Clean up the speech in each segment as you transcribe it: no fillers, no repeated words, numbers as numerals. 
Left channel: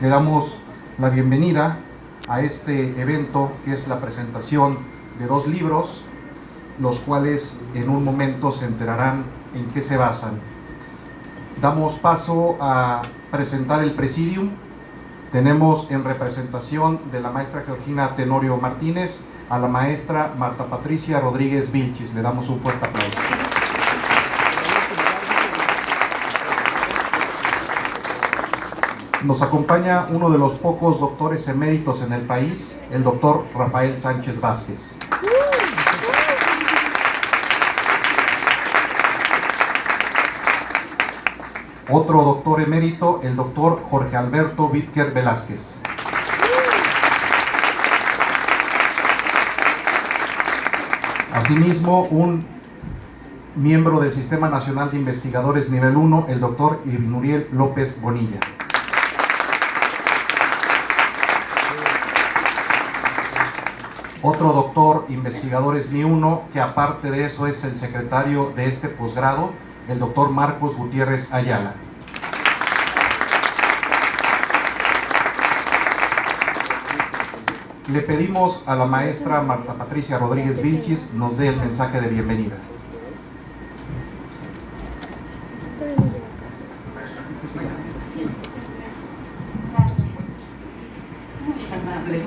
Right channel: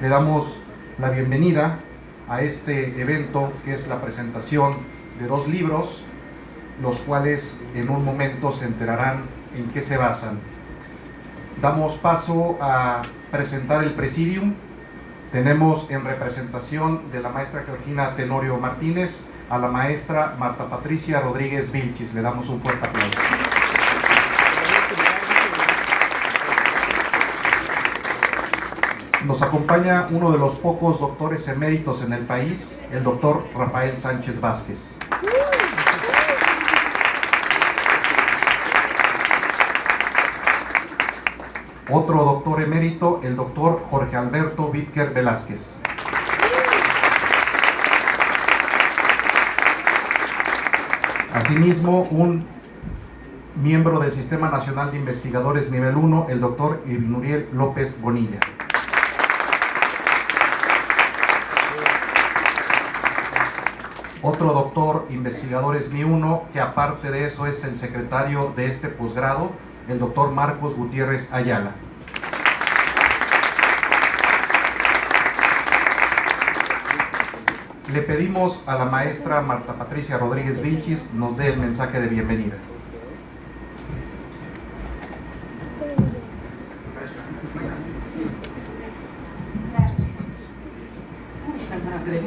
Le damos la bienvenida a este evento que es la presentación de 2 libros, los cuales en un momento se enterarán en qué se basan. Damos paso a presentar el Presidium. Tenemos en representación de la maestra Georgina Tenorio Martínez a la maestra Marta Patricia Rodríguez Vilchis. Le damos un fuerte aplauso. Nos acompaña uno de los pocos doctores eméritos en el país, el doctor Rafael Sánchez Vázquez. Otro doctor emérito, el doctor Jorge Alberto Vídker Velázquez. Asimismo, un miembro del Sistema Nacional de Investigadores Nivel 1, el doctor Irvinuriel López Bonilla. Otro doctor investigadores NI1, que aparte de eso es el secretario de este posgrado, el doctor Marcos Gutiérrez Ayala. Le pedimos a la maestra Marta Patricia Rodríguez Vilchis nos dé el mensaje de bienvenida.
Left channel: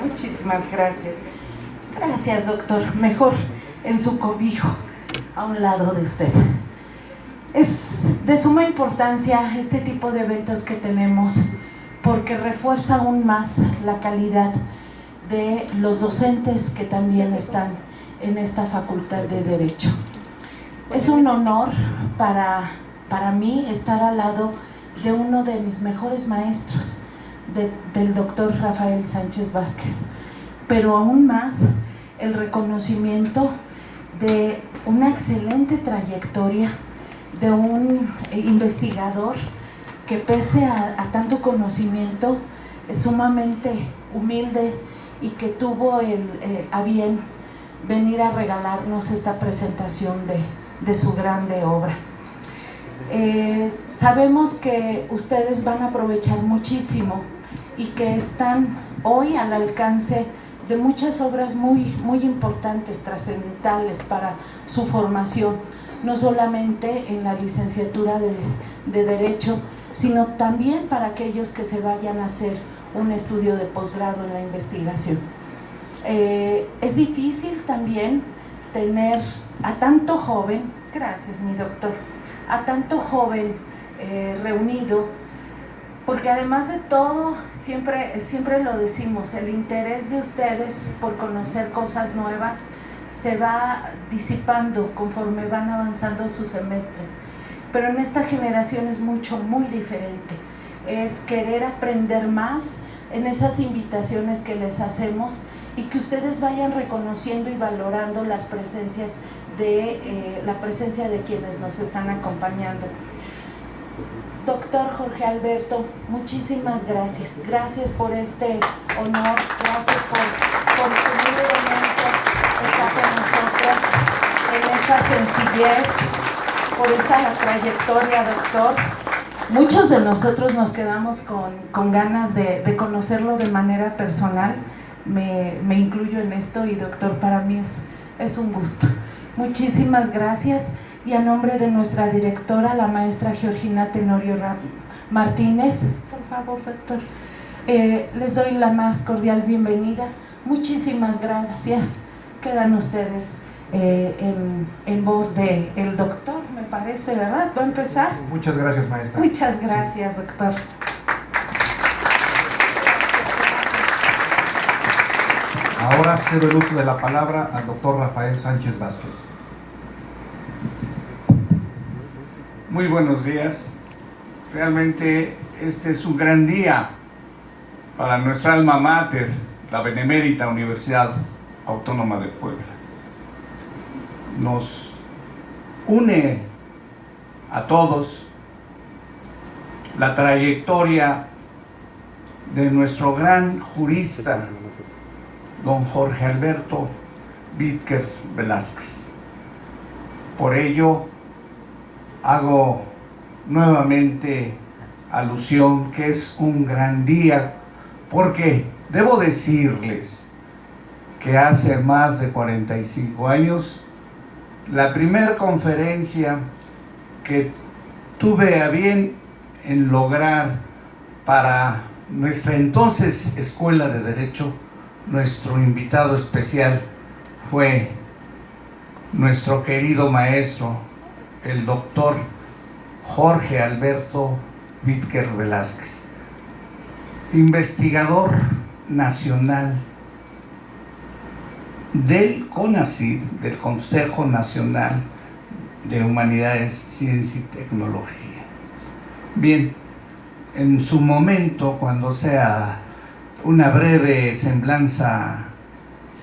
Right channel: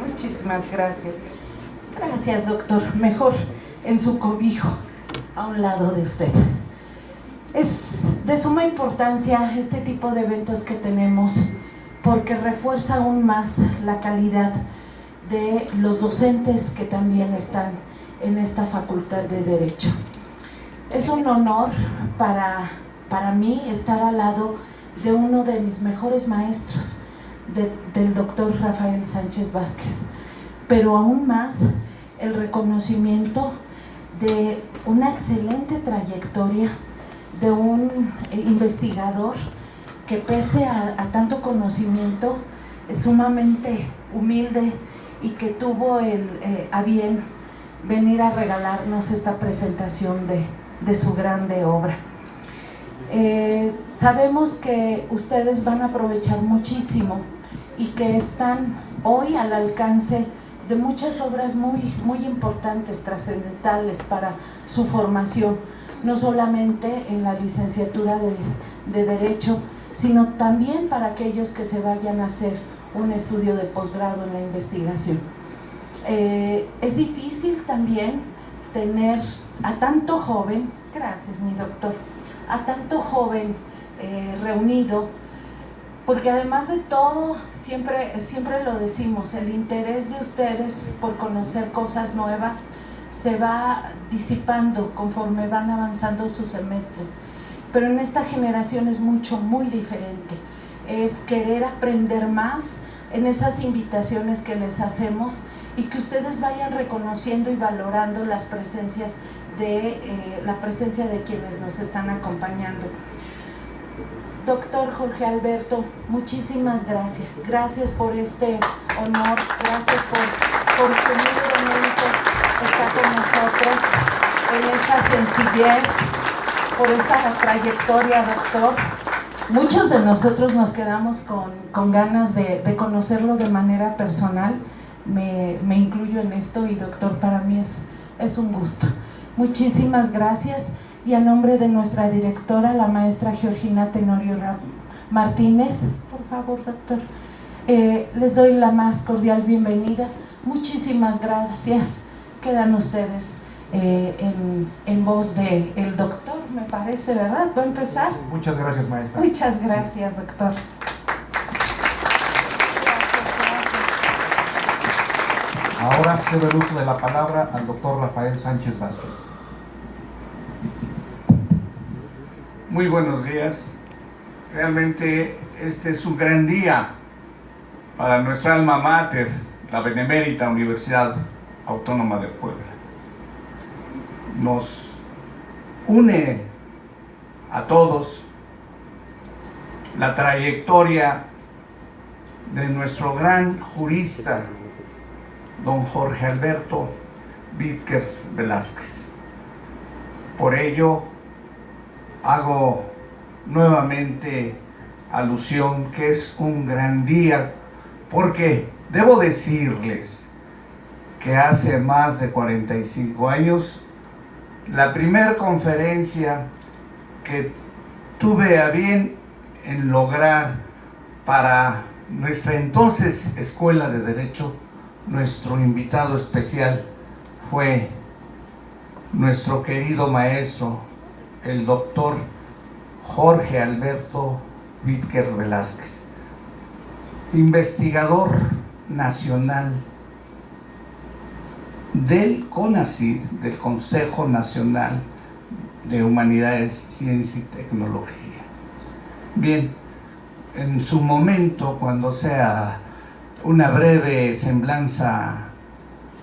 Muchísimas gracias. Gracias, doctor. Mejor en su cobijo, a un lado de usted. Es de suma importancia este tipo de eventos que tenemos porque refuerza aún más la calidad de los docentes que también están en esta Facultad de Derecho. Es un honor para mí estar al lado de uno de mis mejores maestros, del doctor Rafael Sánchez Vázquez, pero aún más el reconocimiento de una excelente trayectoria de un investigador que pese a tanto conocimiento es sumamente humilde y que tuvo a bien venir a regalarnos esta presentación de su grande obra. Sabemos que ustedes van a aprovechar muchísimo y que están hoy al alcance de muchas obras muy importantes, trascendentales para su formación, no solamente en la licenciatura de Derecho, sino también para aquellos que se vayan a hacer un estudio de posgrado en la investigación. Es difícil también tener a tanto joven, gracias mi doctor, a tanto joven reunido, porque además de todo, siempre lo decimos, el interés de ustedes por conocer cosas nuevas se va disipando conforme van avanzando sus semestres, pero en esta generación es muy diferente, es querer aprender más en esas invitaciones que les hacemos y que ustedes vayan reconociendo y valorando las presencias la presencia de quienes nos están acompañando. Doctor Jorge Alberto, muchísimas gracias. Gracias por este honor, gracias por humildemente estar con nosotros, por esa sencillez, por esta trayectoria, doctor. Muchos de nosotros nos quedamos con ganas de conocerlo de manera personal, me incluyo en esto y doctor, para mí es un gusto. Muchísimas gracias. Y a nombre de nuestra directora, la maestra Georgina Tenorio Martínez, por favor, doctor, les doy la más cordial bienvenida. Muchísimas gracias. Quedan ustedes en voz del doctor, me parece, ¿verdad? ¿Puedo empezar? Muchas gracias, maestra. Muchas gracias, doctor. Ahora cedo el uso de la palabra al doctor Rafael Sánchez Vázquez. Muy buenos días. Realmente este es un gran día para nuestra alma mater, la Benemérita Universidad Autónoma de Puebla. Nos une a todos la trayectoria de nuestro gran jurista, don Jorge Alberto Vídker Velázquez. Por ello, hago nuevamente alusión que es un gran día, porque debo decirles que hace más de 45 años, la primera conferencia que tuve a bien en lograr para nuestra entonces Escuela de Derecho, nuestro invitado especial fue nuestro querido maestro, el doctor Jorge Alberto Vízquer Velázquez, investigador nacional del CONACYT, del Consejo Nacional de Humanidades, Ciencia y Tecnología. Bien, en su momento, cuando sea una breve semblanza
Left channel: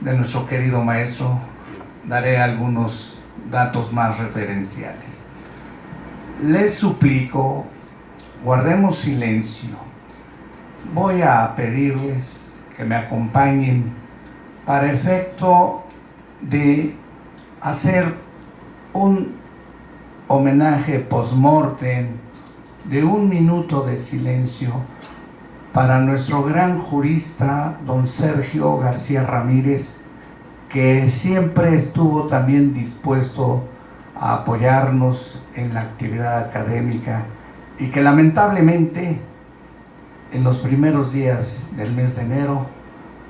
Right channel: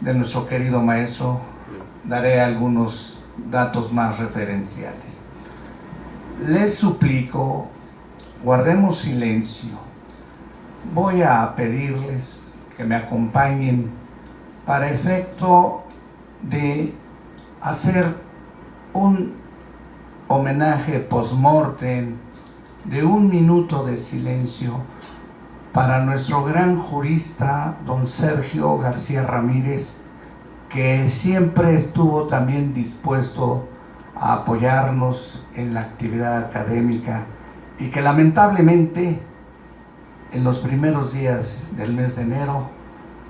de nuestro querido maestro, daré algunos datos más referenciales. Les suplico, guardemos silencio. Voy a pedirles que me acompañen para efecto de hacer un homenaje post-mortem de 1 minuto de silencio para nuestro gran jurista, don Sergio García Ramírez, que siempre estuvo también dispuesto a apoyarnos en la actividad académica y que lamentablemente en los primeros días del mes de enero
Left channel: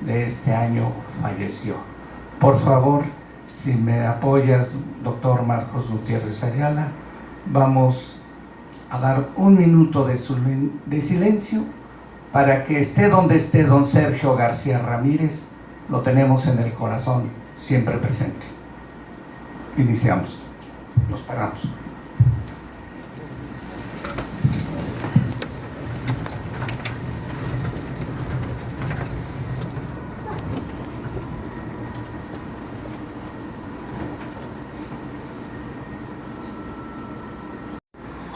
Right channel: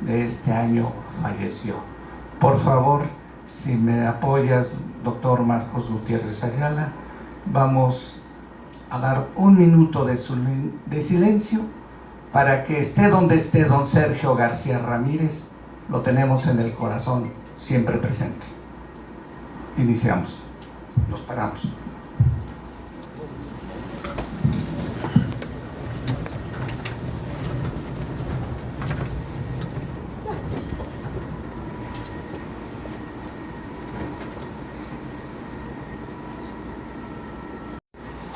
de este año falleció. Por favor, si me apoyas, doctor Marcos Gutiérrez Ayala, vamos a dar 1 minuto de silencio para que esté donde esté don Sergio García Ramírez, lo tenemos en el corazón siempre presente. Iniciamos, nos paramos.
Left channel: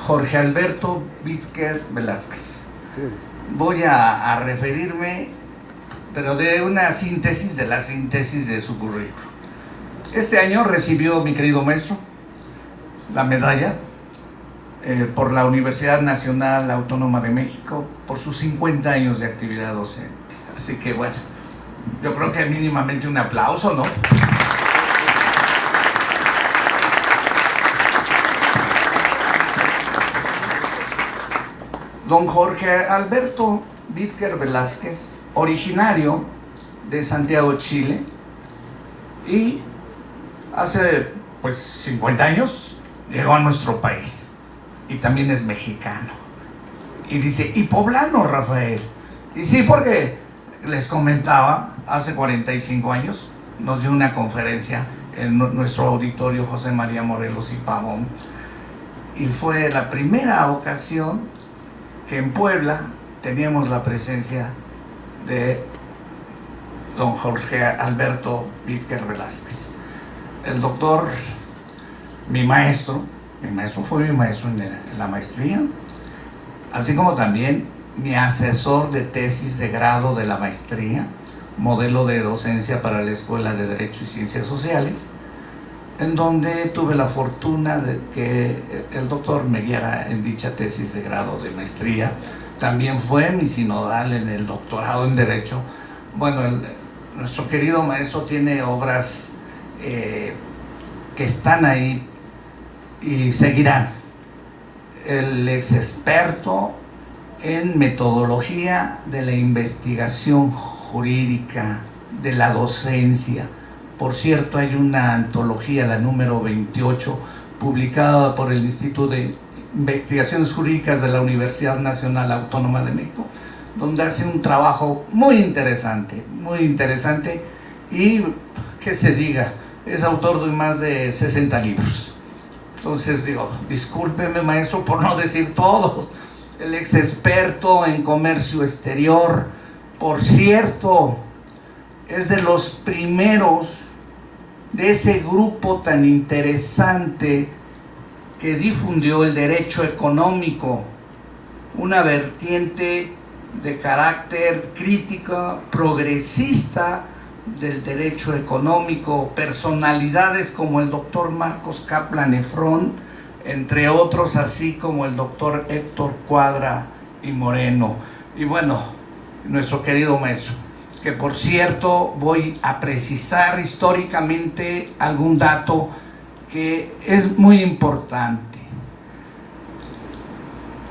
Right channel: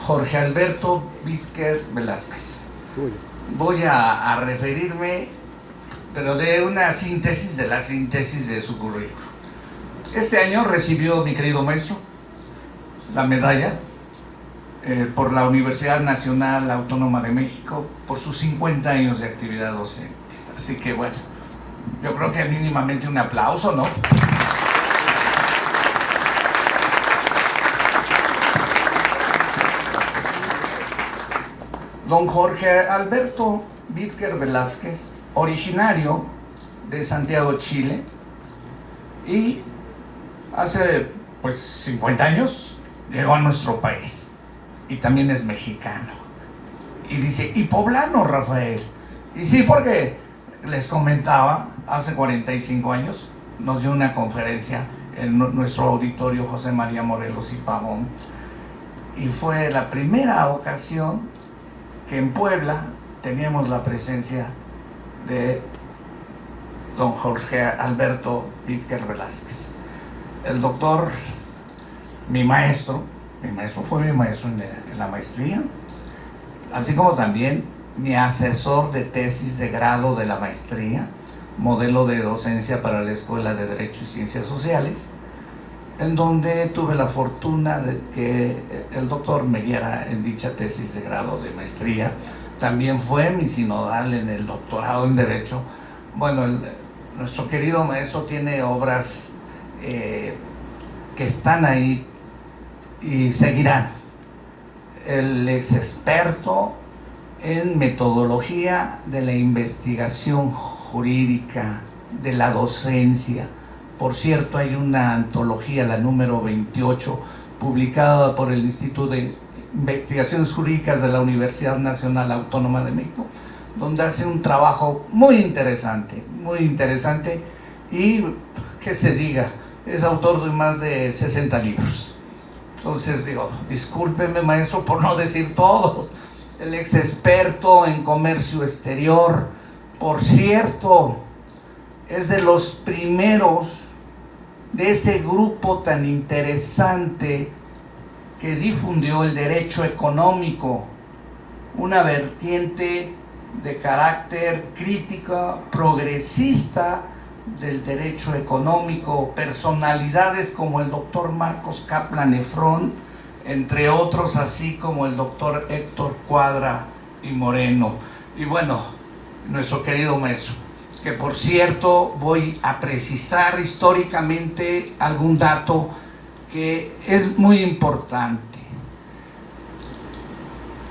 Jorge Alberto Vízquer Velázquez. Voy a referirme, pero de una síntesis de la síntesis de su currículum. Este año recibió mi querido maestro la medalla por la Universidad Nacional Autónoma de México por sus 50 años de actividad docente. Así que bueno, yo creo que mínimamente un aplauso, ¿no? Don Jorge Alberto Vízquer Velázquez, originario de Santiago, Chile, y hace 50 años llegó a nuestro país, y también es mexicano. Y dice, y poblano, Rafael. Y sí, porque les comentaba, hace 45 años nos dio una conferencia en nuestro auditorio José María Morelos y Pavón, y fue la primera ocasión que en Puebla teníamos la presencia de don Jorge Alberto Vízquer Velázquez. El doctor, mi maestro fue mi maestro en la maestría, así como también mi asesor de tesis de grado de la maestría, modelo de docencia para la Escuela de Derecho y Ciencias Sociales, en donde tuve la fortuna de que el doctor me guiara en dicha tesis de grado de maestría. También fue mi sinodal en el doctorado en Derecho. Bueno, nuestro querido maestro tiene obras que están ahí y seguirán. El ex experto en metodología de la investigación jurídica, de la docencia. Por cierto, hay una antología, la número 28, publicada por el Instituto de Investigaciones Jurídicas de la Universidad Nacional Autónoma de México, donde hace un trabajo muy interesante y, que se diga, es autor de más de 60 libros. Entonces digo, discúlpeme maestro por no decir todos. El ex experto en comercio exterior, por cierto, es de los primeros de ese grupo tan interesante que difundió el derecho económico, una vertiente de carácter crítico, progresista del derecho económico, personalidades como el doctor Marcos Kaplan Efron, entre otros, así como el doctor Héctor Cuadra y Moreno. Y bueno, nuestro querido maestro, que por cierto voy a precisar históricamente algún dato que es muy importante.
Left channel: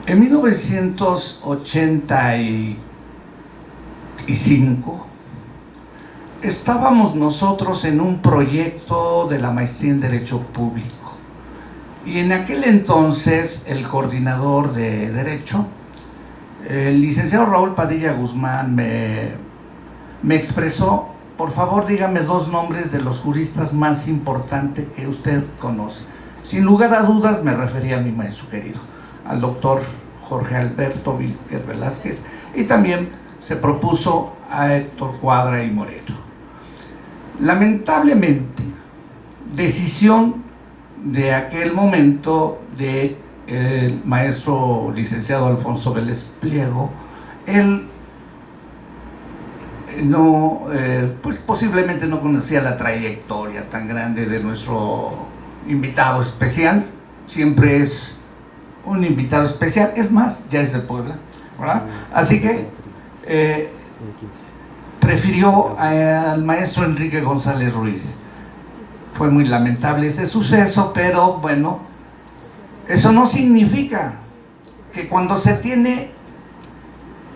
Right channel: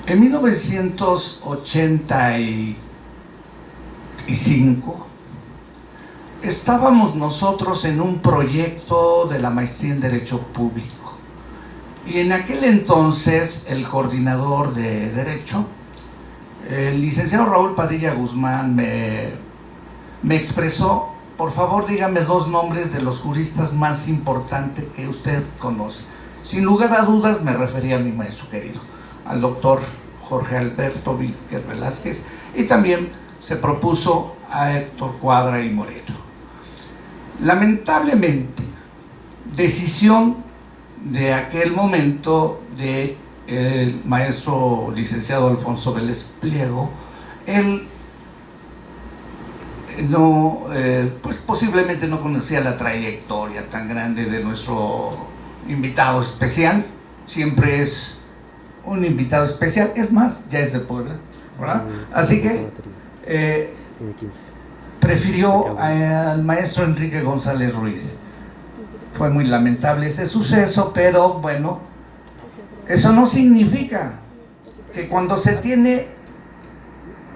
En 1985 estábamos nosotros en un proyecto de la maestría en Derecho Público, y en aquel entonces el coordinador de Derecho, el licenciado Raúl Padilla Guzmán, me expresó: por favor dígame 2 nombres de los juristas más importantes que usted conoce. Sin lugar a dudas me refería a mi maestro querido, al doctor Jorge Alberto Vízquez Velázquez, y también se propuso a Héctor Cuadra y Moreno. Lamentablemente, decisión de aquel momento de el maestro licenciado Alfonso Vélez Pliego, él no, pues posiblemente no conocía la trayectoria tan grande de nuestro invitado especial. Siempre es un invitado especial, es más, ya es de Puebla, ¿verdad? Así que prefirió al maestro Enrique González Ruiz. Fue muy lamentable ese suceso, pero bueno, eso no significa que cuando se tiene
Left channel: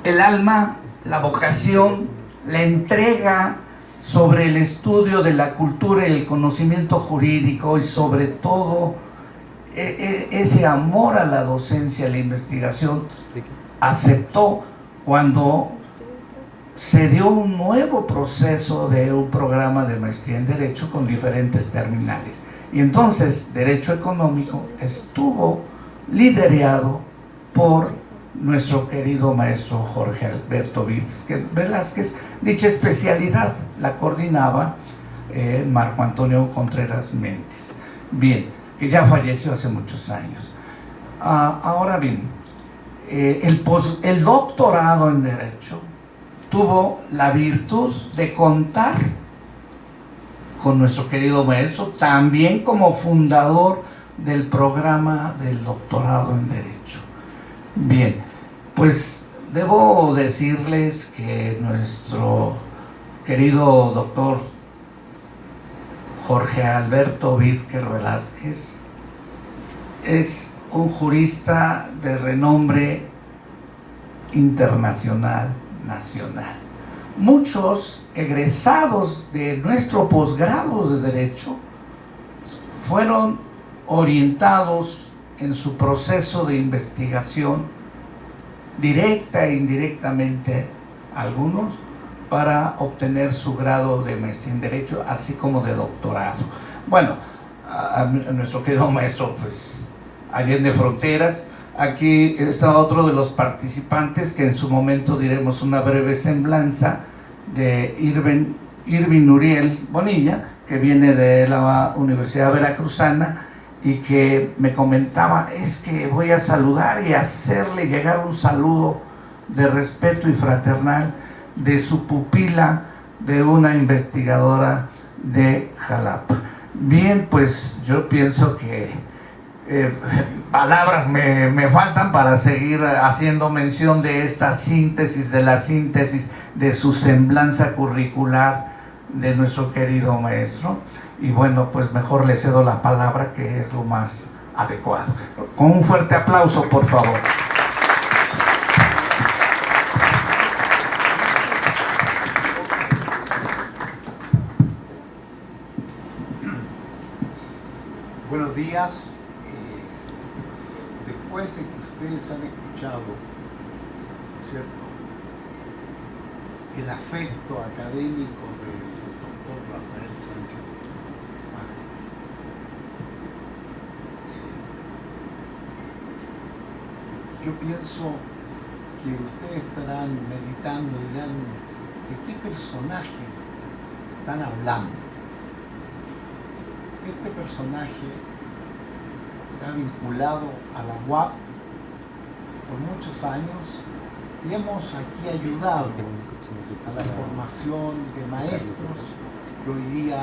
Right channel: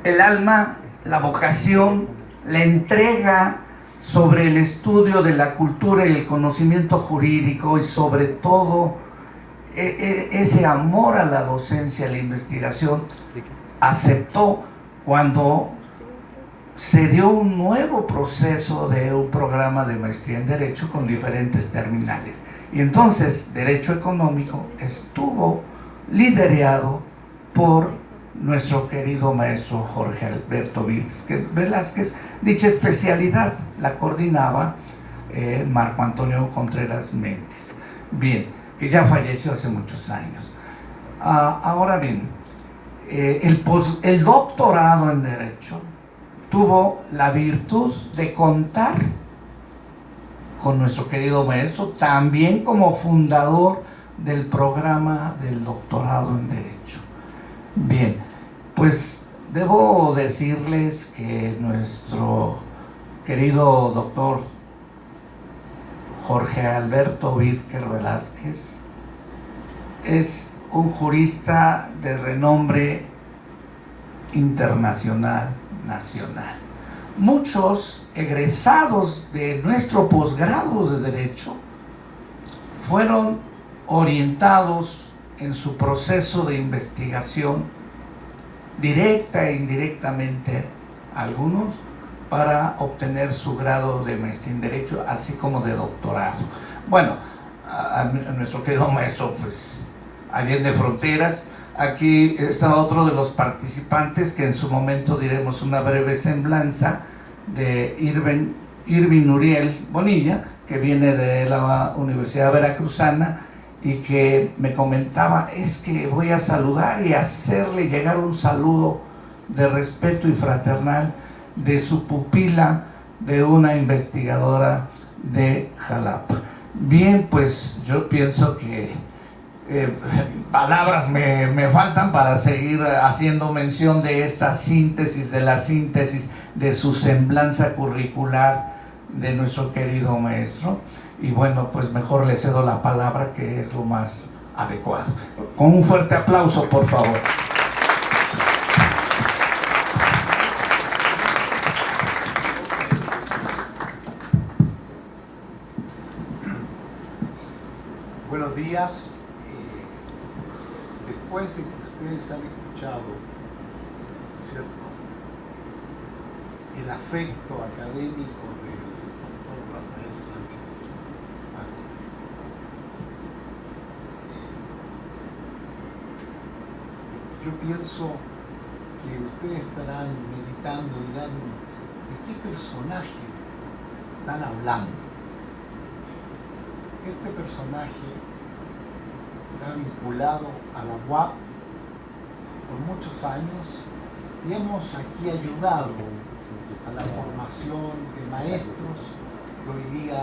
el alma, la vocación, la entrega sobre el estudio de la cultura y el conocimiento jurídico, y sobre todo ese amor a la docencia, a la investigación, aceptó cuando se dio un nuevo proceso de un programa de maestría en Derecho con diferentes terminales. Y entonces Derecho Económico estuvo liderado por nuestro querido maestro Jorge Alberto Vízquez Velázquez. Dicha especialidad la coordinaba Marco Antonio Contreras Méndez, bien, que ya falleció hace muchos años. Ahora bien, el doctorado en Derecho tuvo la virtud de contar con nuestro querido maestro, también como fundador del programa del doctorado en Derecho. Bien, pues debo decirles que nuestro querido doctor Jorge Alberto Vízquez Velázquez es un jurista de renombre internacional, nacional. Muchos egresados de nuestro posgrado de Derecho fueron orientados en su proceso de investigación, directa e indirectamente algunos, para obtener su grado de maestría en Derecho, así como de doctorado. Bueno, a nuestro querido maestro, pues, Allende Fronteras. Aquí está otro de los participantes que en su momento diremos una breve semblanza, de Irving Uriel Bonilla, que viene de la Universidad Veracruzana, y que me comentaba: es que voy a saludar y hacerle llegar un saludo de respeto y fraternal de su pupila, de una investigadora de Jalapa. Bien, pues yo pienso que palabras me faltan para seguir haciendo mención de esta síntesis, de la síntesis de su semblanza curricular de nuestro querido maestro. Y bueno, pues mejor le cedo la palabra, que es lo más adecuado. Con un fuerte aplauso, por favor. Buenos días. Después de que ustedes han escuchado, ¿cierto?, el afecto académico del doctor Rafael Sánchez Vázquez, yo pienso que ustedes estarán meditando y dirán: ¿de qué personaje están hablando? Este personaje está vinculado a la UAP por muchos años y hemos aquí ayudado a la formación de maestros que hoy día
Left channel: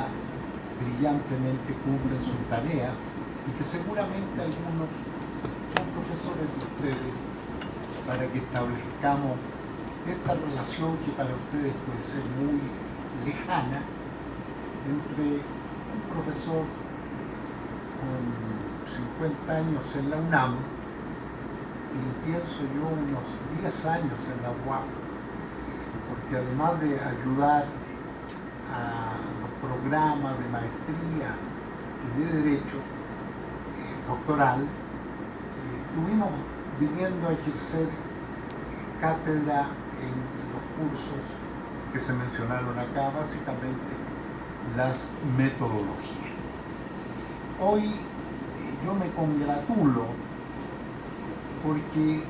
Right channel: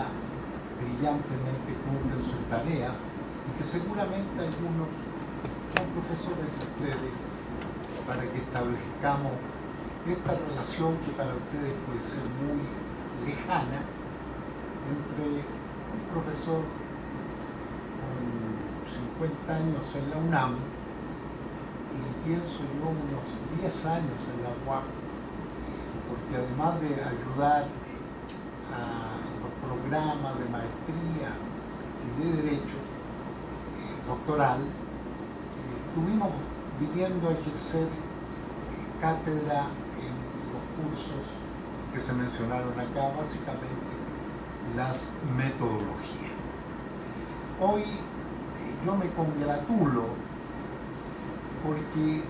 brillantemente cumplen sus tareas y que seguramente algunos son profesores de ustedes para que establezcamos esta relación que para ustedes puede ser muy lejana entre un profesor con 50 años en la UNAM y pienso yo unos 10 años en la UAP, porque además de ayudar a los programas de maestría y de derecho doctoral, estuvimos viniendo a ejercer cátedra en los cursos que se mencionaron acá, básicamente las metodologías. Hoy yo me congratulo porque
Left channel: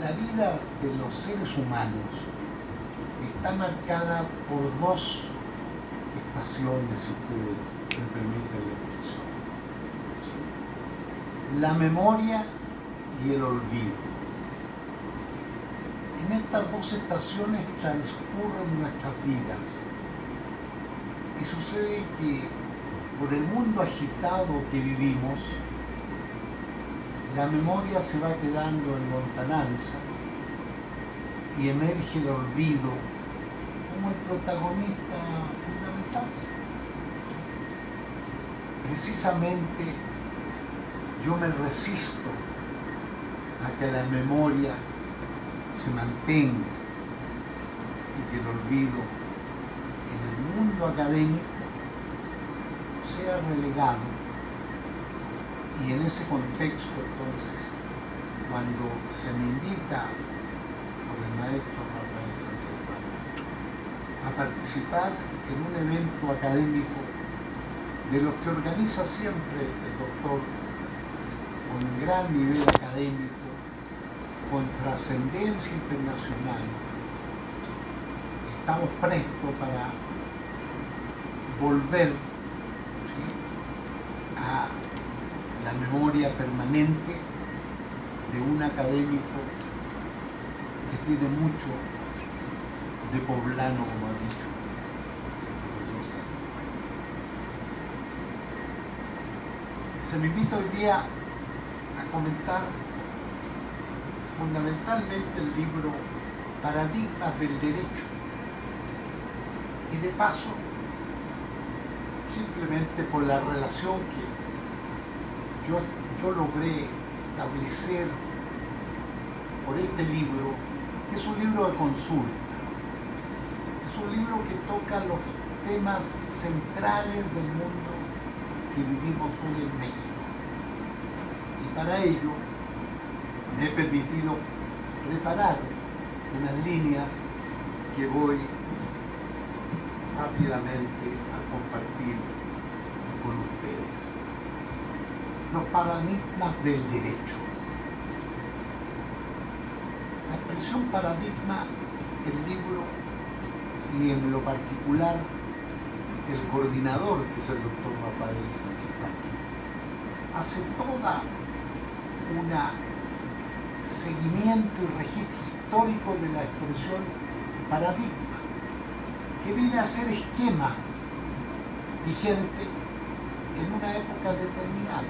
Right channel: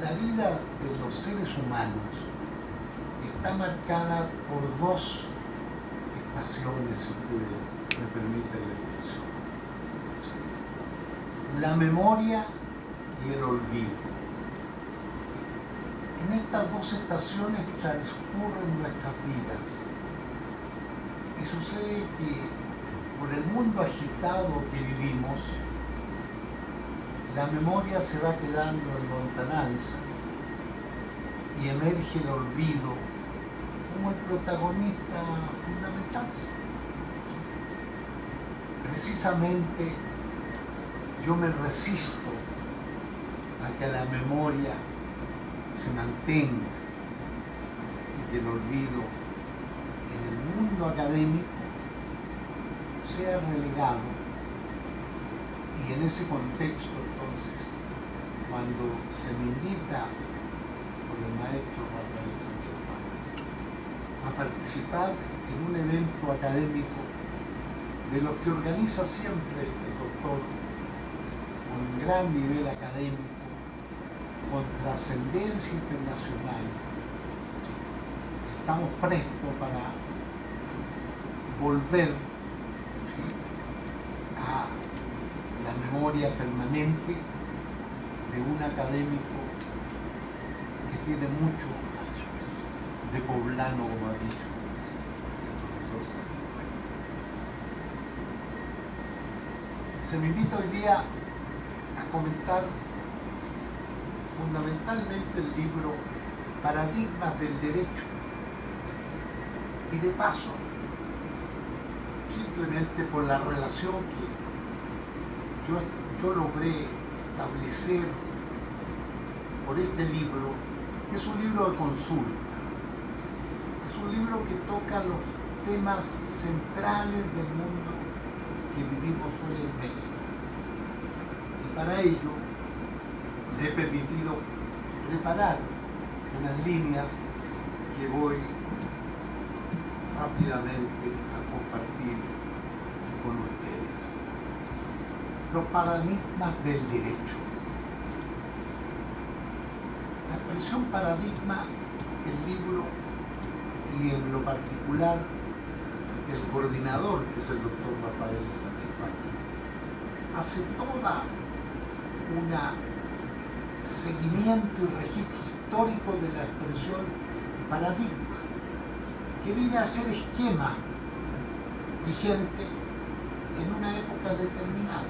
la vida de los seres humanos está marcada por dos estaciones, si ustedes me permiten la expresión: la memoria y el olvido. En estas dos estaciones transcurren nuestras vidas y sucede que por el mundo agitado que vivimos, la memoria se va quedando en lontananza y emerge el olvido como el protagonista fundamental. Precisamente yo me resisto a que la memoria se mantenga y que el olvido en el mundo académico sea relegado. Y en ese contexto, entonces, cuando se me invita por el maestro Rafael Sánchez Paz a participar en un evento académico de los que organiza siempre el doctor con gran nivel académico, con trascendencia internacional, estamos prestos para volver, ¿sí?, a la memoria permanente de un académico que tiene mucho de poblano, como ha dicho el profesor. Se me invita hoy día a comentar fundamentalmente el libro Paradigmas del Derecho, y de paso, simplemente por la relación que yo logré establecer por este libro, que es un libro de consulta, es un libro que toca los temas centrales del mundo que vivimos hoy en México, y para ello me he permitido preparar unas líneas que voy rápidamente a compartir con ustedes. Los paradigmas del derecho. La expresión paradigma, el libro y en lo particular el coordinador, que es el doctor Rafael Sánchez Paz, hace toda una seguimiento y registro histórico de la expresión paradigma, que viene a ser esquema vigente en una época determinada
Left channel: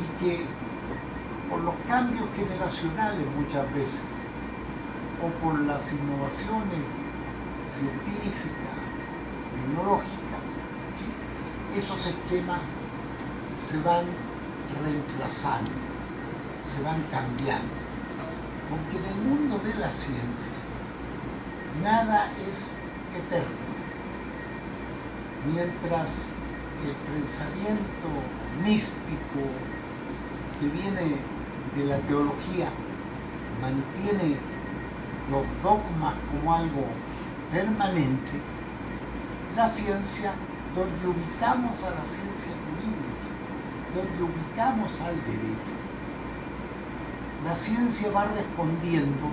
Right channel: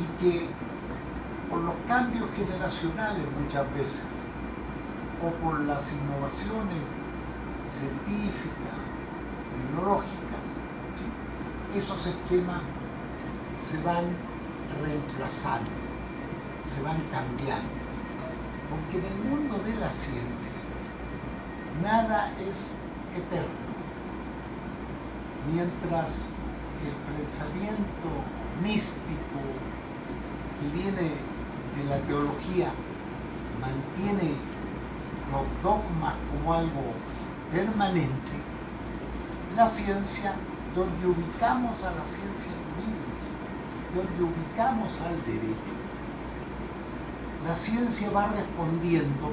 y que por los cambios generacionales muchas veces o por las innovaciones científicas, tecnológicas, esos esquemas se van reemplazando, se van cambiando, porque en el mundo de la ciencia nada es eterno. Mientras el pensamiento místico que viene de la teología mantiene los dogmas como algo permanente, la ciencia, donde ubicamos a la ciencia jurídica, donde ubicamos al derecho, la ciencia va respondiendo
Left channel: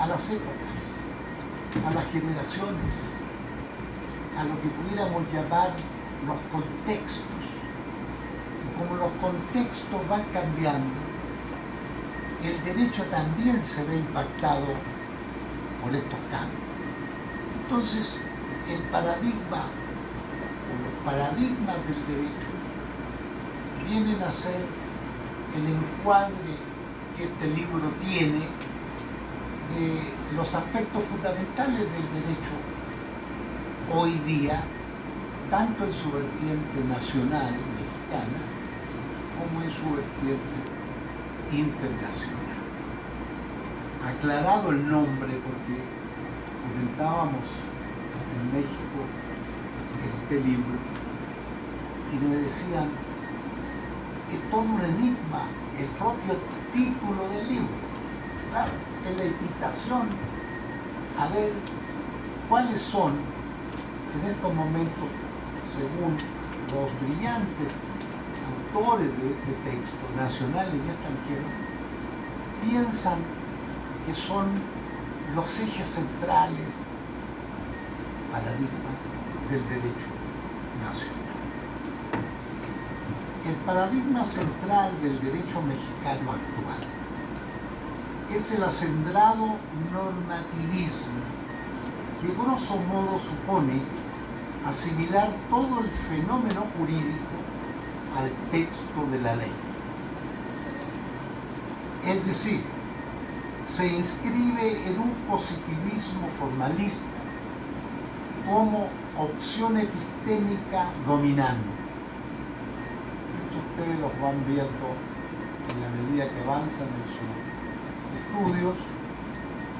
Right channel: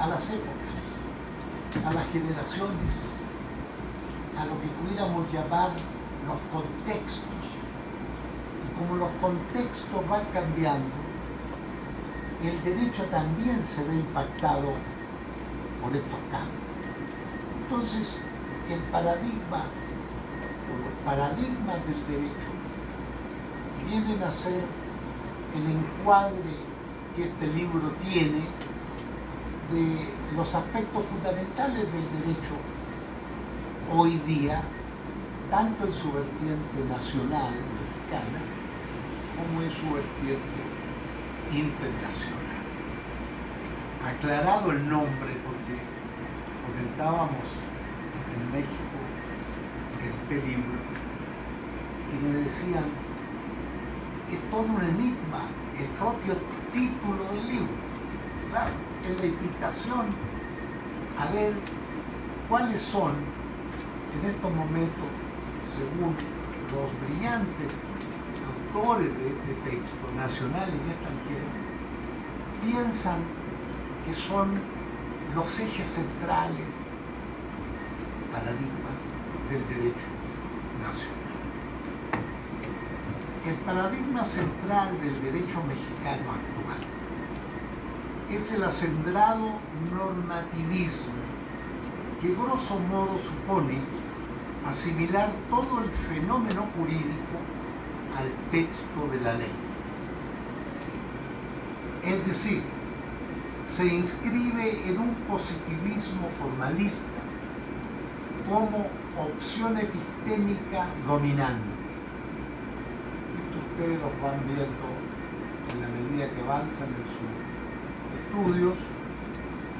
a las épocas, a las generaciones, a lo que pudiéramos llamar los contextos. Y como los contextos van cambiando, el derecho también se ve impactado por estos cambios. Entonces, el paradigma o los paradigmas del derecho vienen a ser el encuadre que este libro tiene de los aspectos fundamentales del derecho hoy día, tanto en su vertiente nacional mexicana como en su vertiente internacional. Aclarado el nombre, porque comentábamos en México este libro y me decían, es todo un enigma el propio título del libro. Claro, es la invitación a ver cuáles son en estos momentos, según los brillantes autores de este texto, nacionales y extranjeros, piensan que son los ejes centrales, paradigmas del derecho nacional. El paradigma central del derecho mexicano actual es el acendrado normativismo que grosso modo supone asimilar todo el fenómeno jurídico al texto de la ley. Es decir, se inscribe en un positivismo formalista como opción epistémica dominante. Esto ustedes los van viendo en la medida que avanzan en sus estudios,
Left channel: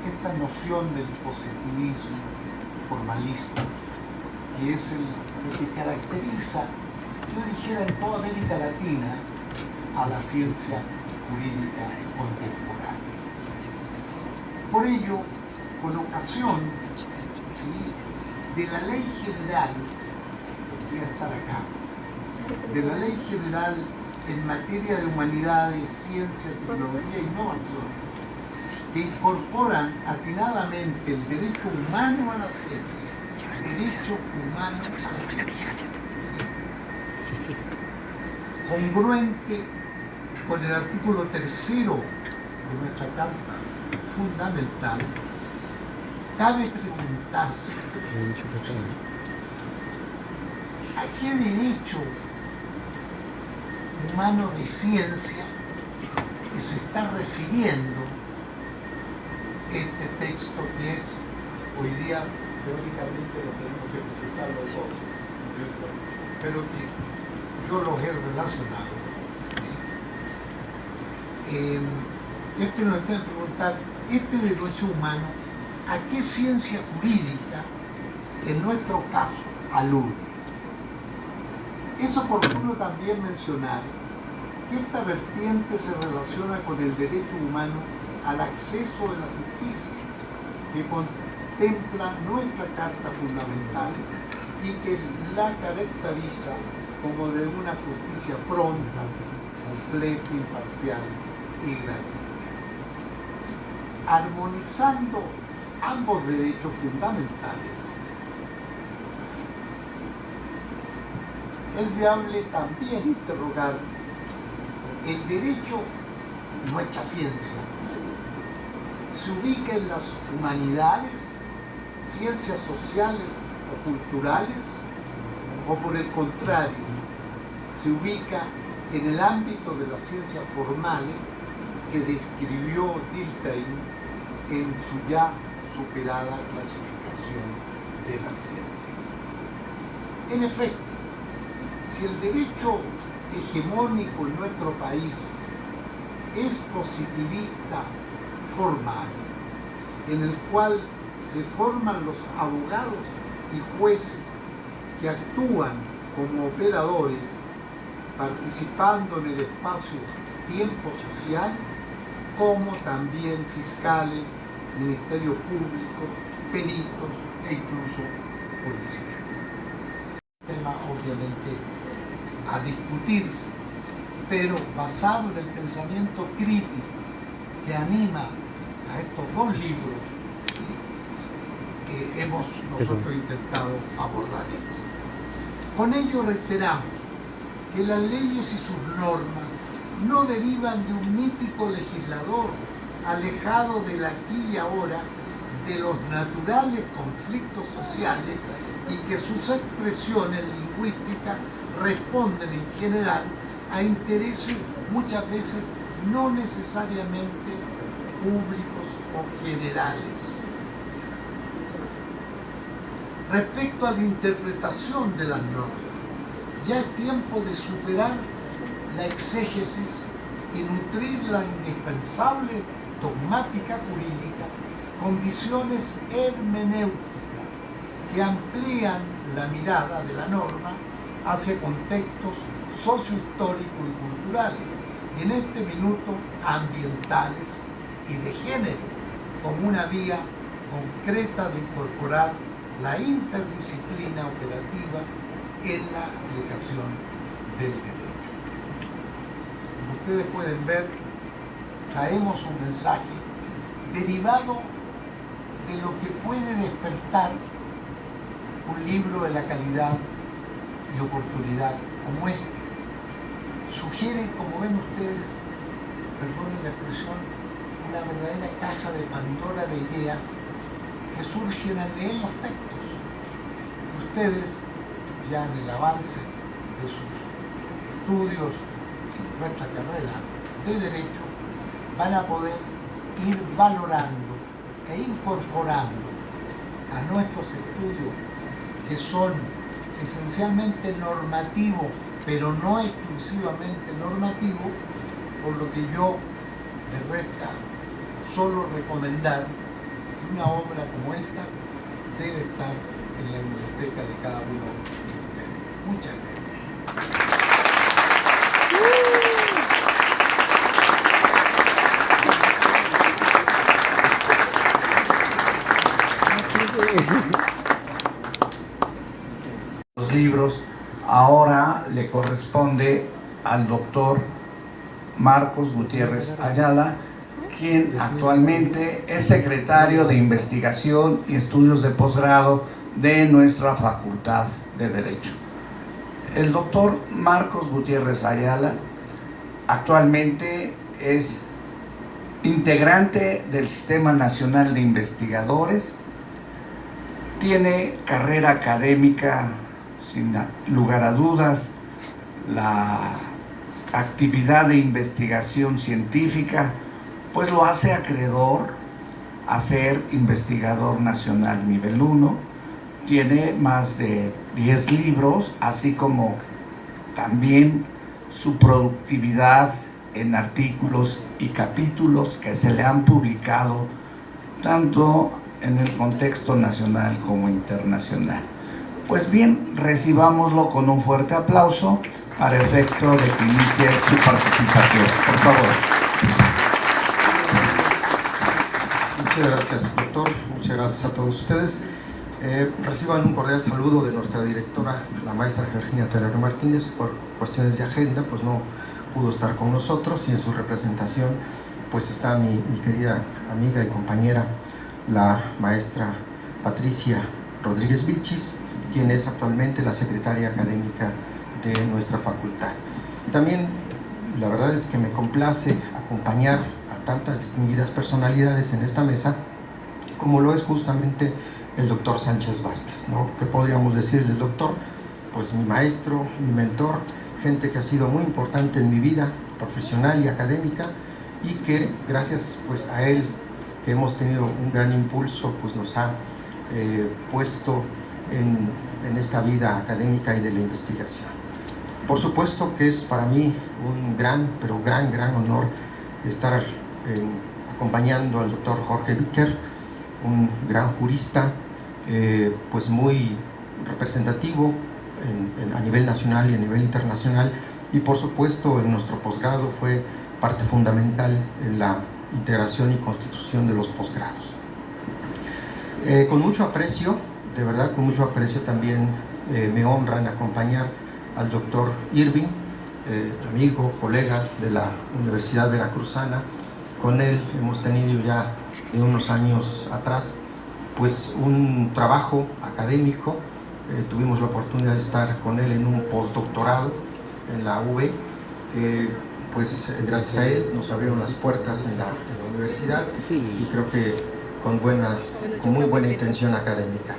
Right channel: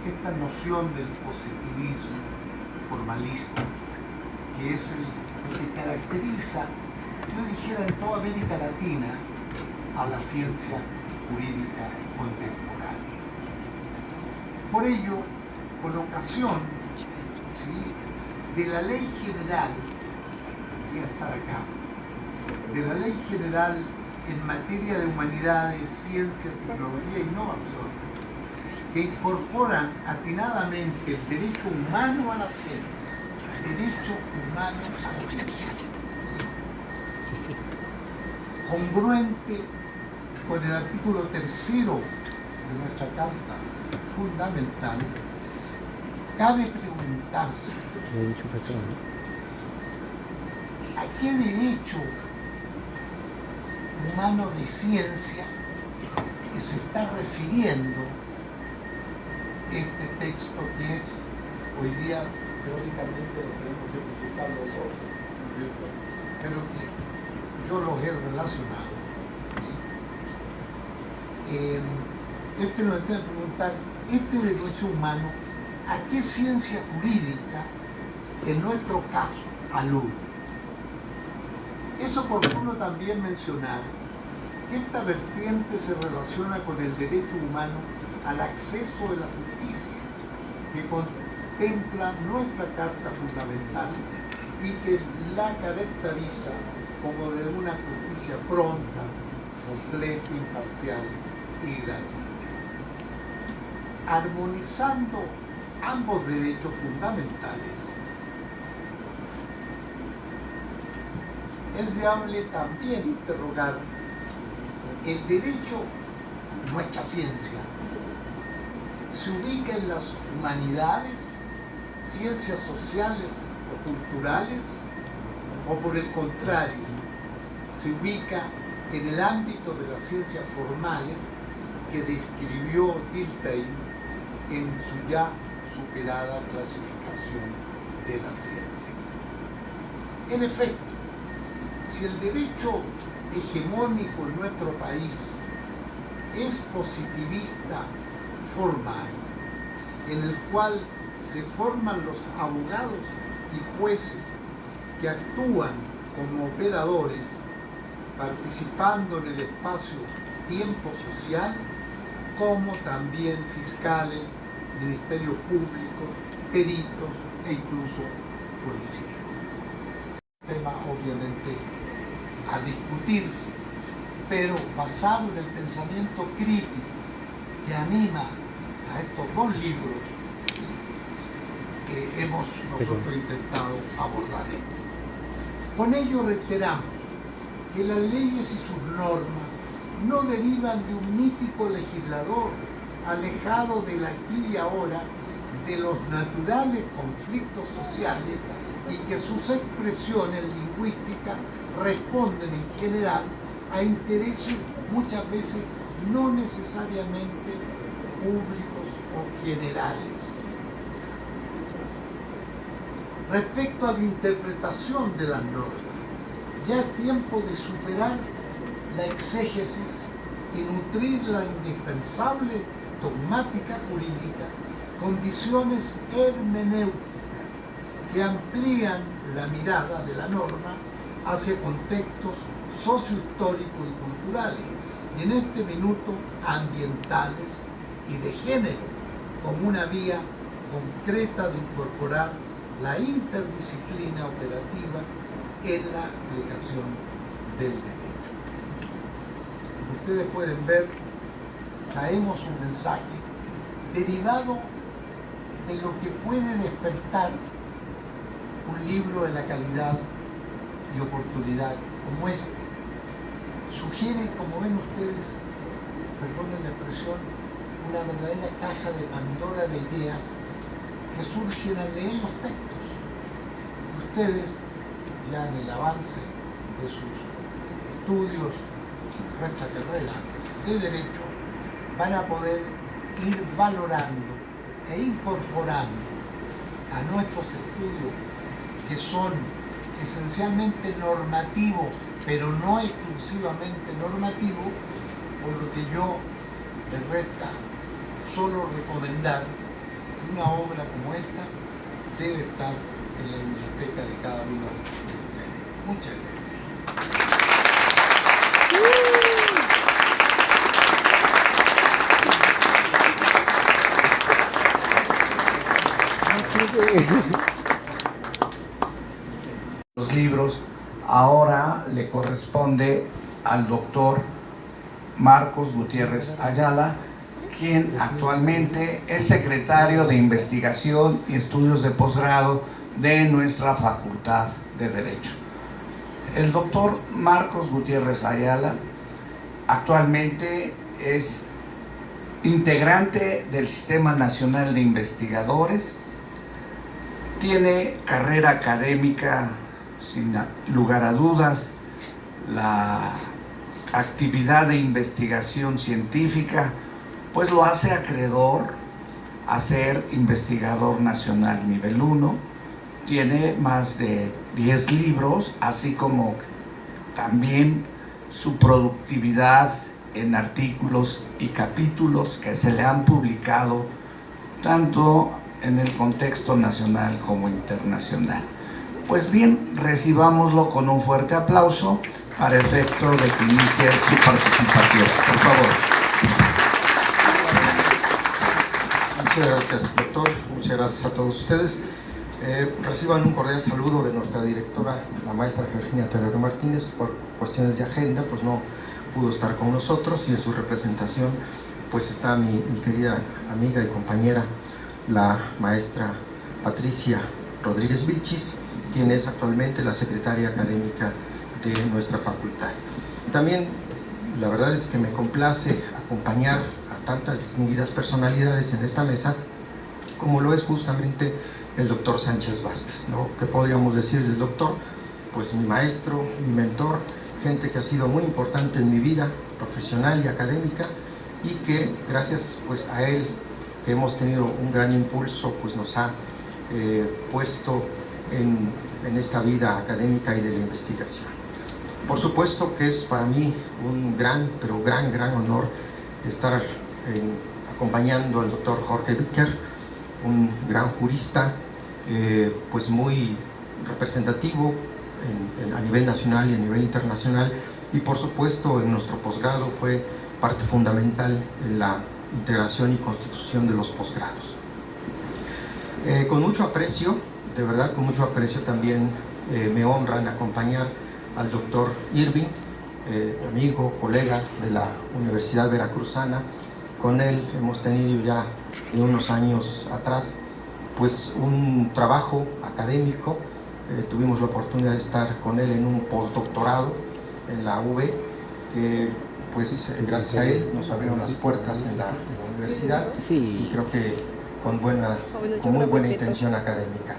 esta noción del positivismo formalista, que es lo que caracteriza, yo dijera, en toda América Latina a la ciencia jurídica contemporánea. Por ello, con ocasión, ¿sí?, de la Ley General, que debería estar acá, de la Ley General en materia de humanidades, ciencia, tecnología e innovación, que incorporan atinadamente el derecho humano a la ciencia, derecho humano a la ciencia, congruente con el artículo 3º de nuestra Carta Fundamental, cabe preguntarse ¿a qué derecho humano de ciencia que se está refiriendo este texto, que es hoy día teóricamente lo tenemos que explicar los dos, ¿cierto?, pero que yo los he relacionado? Este nos tiene que preguntar, este derecho humano, ¿a qué ciencia jurídica en nuestro caso alude? Es oportuno también mencionar que esta vertiente se relaciona con el derecho humano al acceso a la justicia, que contempla nuestra Carta Fundamental y que la caracteriza como de una justicia pronta, completa, imparcial y gratuita. Armonizando ambos derechos fundamentales, es viable también interrogar el derecho, nuestra ciencia, se ubica en las humanidades, ciencias sociales o culturales, o por el contrario, se ubica en el ámbito de las ciencias formales que describió Dilthey en su ya superada clasificación de las ciencias. En efecto, si el derecho hegemónico en nuestro país es positivista formal, en el cual se forman los abogados y jueces que actúan como operadores, participando en el espacio-tiempo social, como también fiscales, ministerios públicos, peritos e incluso policías. Tema obviamente a discutirse, pero basado en el pensamiento crítico que anima a estos dos libros que hemos nosotros intentado abordar. Con ello reiteramos que las leyes y sus normas no derivan de un mítico legislador alejado del aquí y ahora de los naturales conflictos sociales y que sus expresiones lingüísticas responden en general a intereses muchas veces no necesariamente públicos o generales. Respecto a la interpretación de las normas, ya es tiempo de superar la exégesis y nutrir la indispensable dogmática jurídica con visiones hermenéuticas que amplían la mirada de la norma hacia contextos sociohistóricos y culturales, y en este minuto ambientales y de género, como una vía concreta de incorporar la interdisciplina operativa en la aplicación del derecho. Como ustedes pueden ver, traemos un mensaje derivado de lo que puede despertar un libro de la calidad y oportunidad como este. Sugiere, como ven ustedes, perdonen la expresión, una verdadera caja de Pandora de ideas que surgen al leer los textos. Y ustedes, ya en el avance de sus estudios en nuestra carrera de Derecho, van a poder ir valorando e incorporando a nuestros estudios, que son esencialmente normativos, pero no exclusivamente normativos, por lo que yo les resta solo recomendar que una obra como esta debe estar en la biblioteca de cada uno de ustedes. Muchas gracias. Los libros ahora le corresponde al doctor Marcos Gutiérrez Ayala, quien actualmente es secretario de Investigación y Estudios de Posgrado de nuestra Facultad de Derecho. El doctor Marcos Gutiérrez Ayala actualmente es integrante del Sistema Nacional de Investigadores, tiene carrera académica sin lugar a dudas, la actividad de investigación científica, pues lo hace acreedor a ser investigador nacional nivel 1, tiene más de 10 libros, así como también su productividad en artículos y capítulos que se le han publicado tanto en el contexto nacional como internacional. Pues bien, recibámoslo con un fuerte aplauso para efecto de que inicie su participación. Por favor. Muchas gracias, doctor. Muchas gracias a todos ustedes. Reciban un cordial saludo de nuestra directora, la maestra Virginia Terero Martínez. Por cuestiones de agenda, pues no pudo estar con nosotros, y en su representación pues está mi querida amiga y compañera, la maestra Patricia Rodríguez Vilchis, quien es actualmente la secretaria académica de nuestra facultad. También la verdad es que me complace acompañar a tantas distinguidas personalidades en esta mesa, como lo es justamente el doctor Sánchez Vázquez, ¿no? ¿Qué podríamos decir del doctor? Pues mi maestro, mi mentor, gente que ha sido muy importante en mi vida profesional y académica, y que gracias pues a él, que hemos tenido un gran impulso, pues nos ha puesto en esta vida académica y de la investigación. Por supuesto que es para mí un gran, pero gran honor estar acompañando al doctor Jorge Dicker, un gran jurista, pues muy representativo a nivel nacional y a nivel internacional, y por supuesto en nuestro posgrado fue parte fundamental en la integración y constitución de los posgrados. Con mucho aprecio, de verdad con mucho aprecio, también me honran acompañar al doctor Irving, amigo, colega de la Universidad Veracruzana. Con él hemos tenido ya de unos años atrás pues un trabajo académico. Tuvimos la oportunidad de estar con él en un postdoctorado en la UV, que pues gracias a él nos abrieron las puertas en la universidad, y creo que con muy buena intención académica.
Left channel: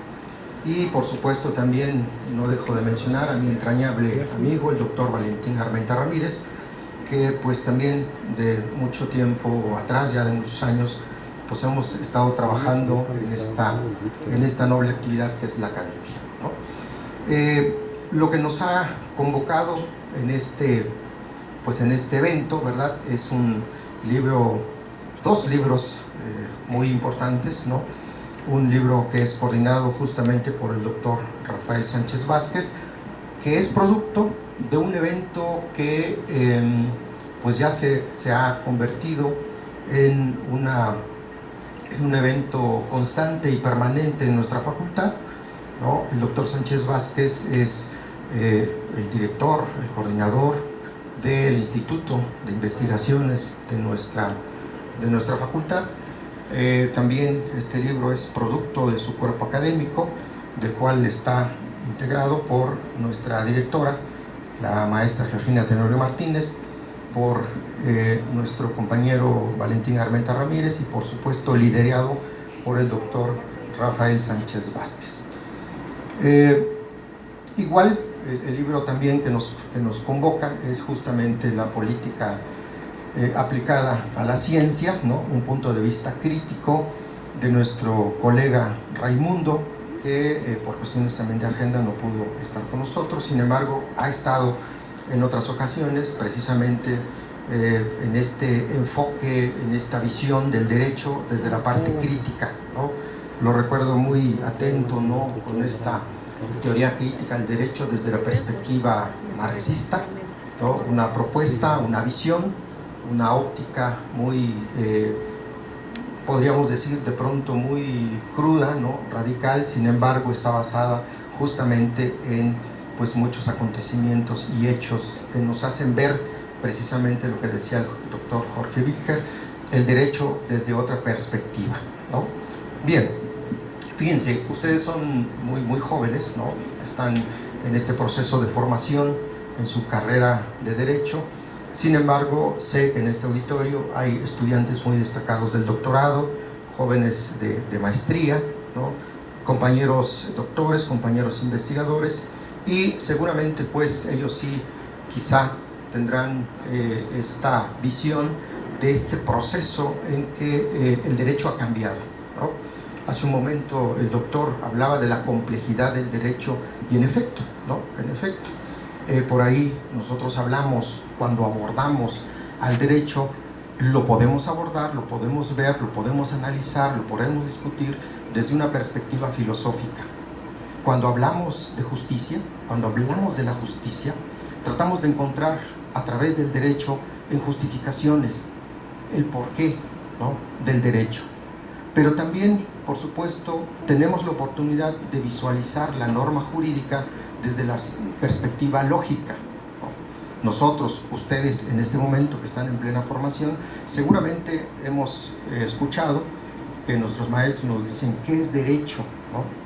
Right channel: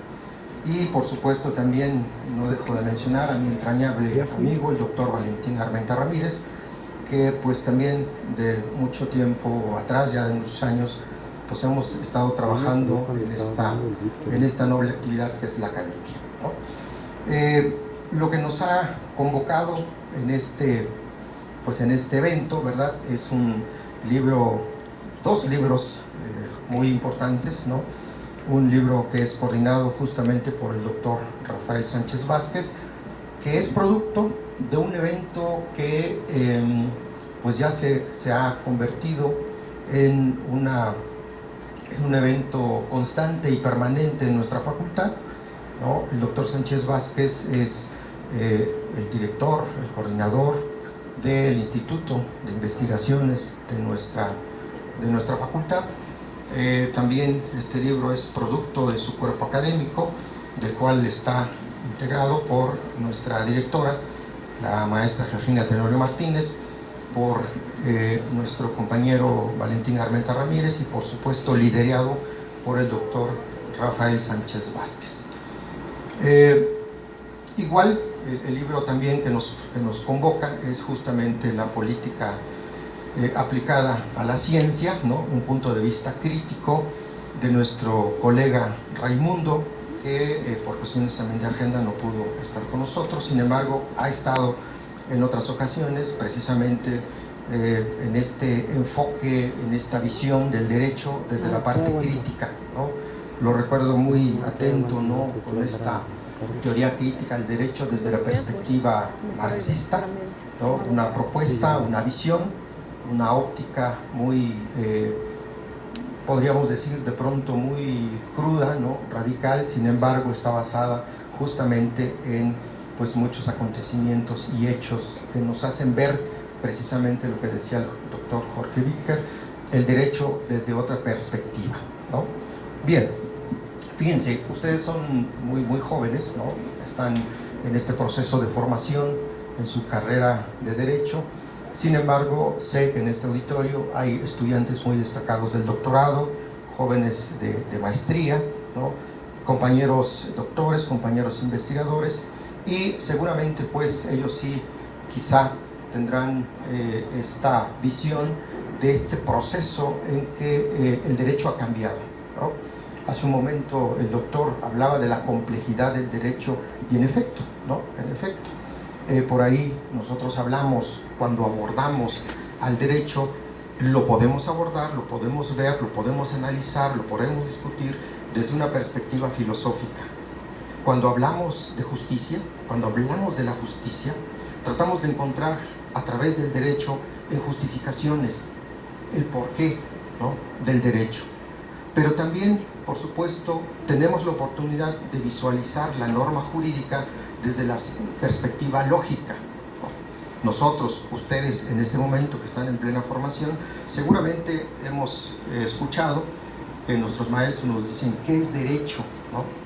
Y por supuesto también no dejo de mencionar a mi entrañable amigo, el doctor Valentín Armenta Ramírez, que pues también de mucho tiempo atrás, ya de muchos años, pues hemos estado trabajando en esta noble actividad que es la academia, ¿no? Lo que nos ha convocado en este evento, ¿verdad? Es dos libros muy importantes, ¿no? Un libro que es coordinado justamente por el doctor Rafael Sánchez Vázquez, que es producto de un evento que pues ya se ha convertido en un evento constante y permanente en nuestra facultad, ¿no? El doctor Sánchez Vázquez es el director, el coordinador del Instituto de Investigaciones de nuestra facultad. También este libro es producto de su cuerpo académico, del cual está integrado por nuestra directora, la maestra Georgina Tenorio Martínez, por nuestro compañero Valentín Armenta Ramírez y por supuesto liderado por el doctor Rafael Sánchez Vázquez. Igual el libro también que nos convoca es justamente la política aplicada a la ciencia, ¿no? Un punto de vista crítico de nuestro colega Raimundo, que por cuestiones también de agenda no pudo estar con nosotros, sin embargo ha estado en otras ocasiones precisamente en este enfoque, en esta visión del derecho desde la parte crítica, ¿no? Lo recuerdo muy atento, ¿no? Con esta teoría crítica al derecho desde la perspectiva marxista, ¿no? Una propuesta, una visión, una óptica muy, podríamos decir de pronto muy cruda, ¿no? Radical, sin embargo está basada justamente en pues muchos acontecimientos y hechos que nos hacen ver precisamente lo que decía el doctor Jorge Wittker, el derecho desde otra perspectiva, ¿no? Bien, fíjense, ustedes son muy jóvenes, ¿no? Están en este proceso de formación en su carrera de derecho. Sin embargo, sé que en este auditorio hay estudiantes muy destacados del doctorado, jóvenes de maestría, ¿no? Compañeros doctores, compañeros investigadores, y seguramente pues ellos sí quizá tendrán esta visión de este proceso en que el derecho ha cambiado, ¿no? Hace un momento el doctor hablaba de la complejidad del derecho y en efecto, ¿no? En efecto, por ahí nosotros hablamos, cuando abordamos al derecho, lo podemos abordar, lo podemos ver, lo podemos analizar, lo podemos discutir desde una perspectiva filosófica. Cuando hablamos de justicia, cuando hablamos de la justicia, tratamos de encontrar a través del derecho en justificaciones el porqué, ¿no? Del derecho. Pero también, por supuesto, tenemos la oportunidad de visualizar la norma jurídica desde la perspectiva lógica. Nosotros, ustedes en este momento que están en plena formación, seguramente hemos escuchado que nuestros maestros nos dicen qué es derecho, ¿no?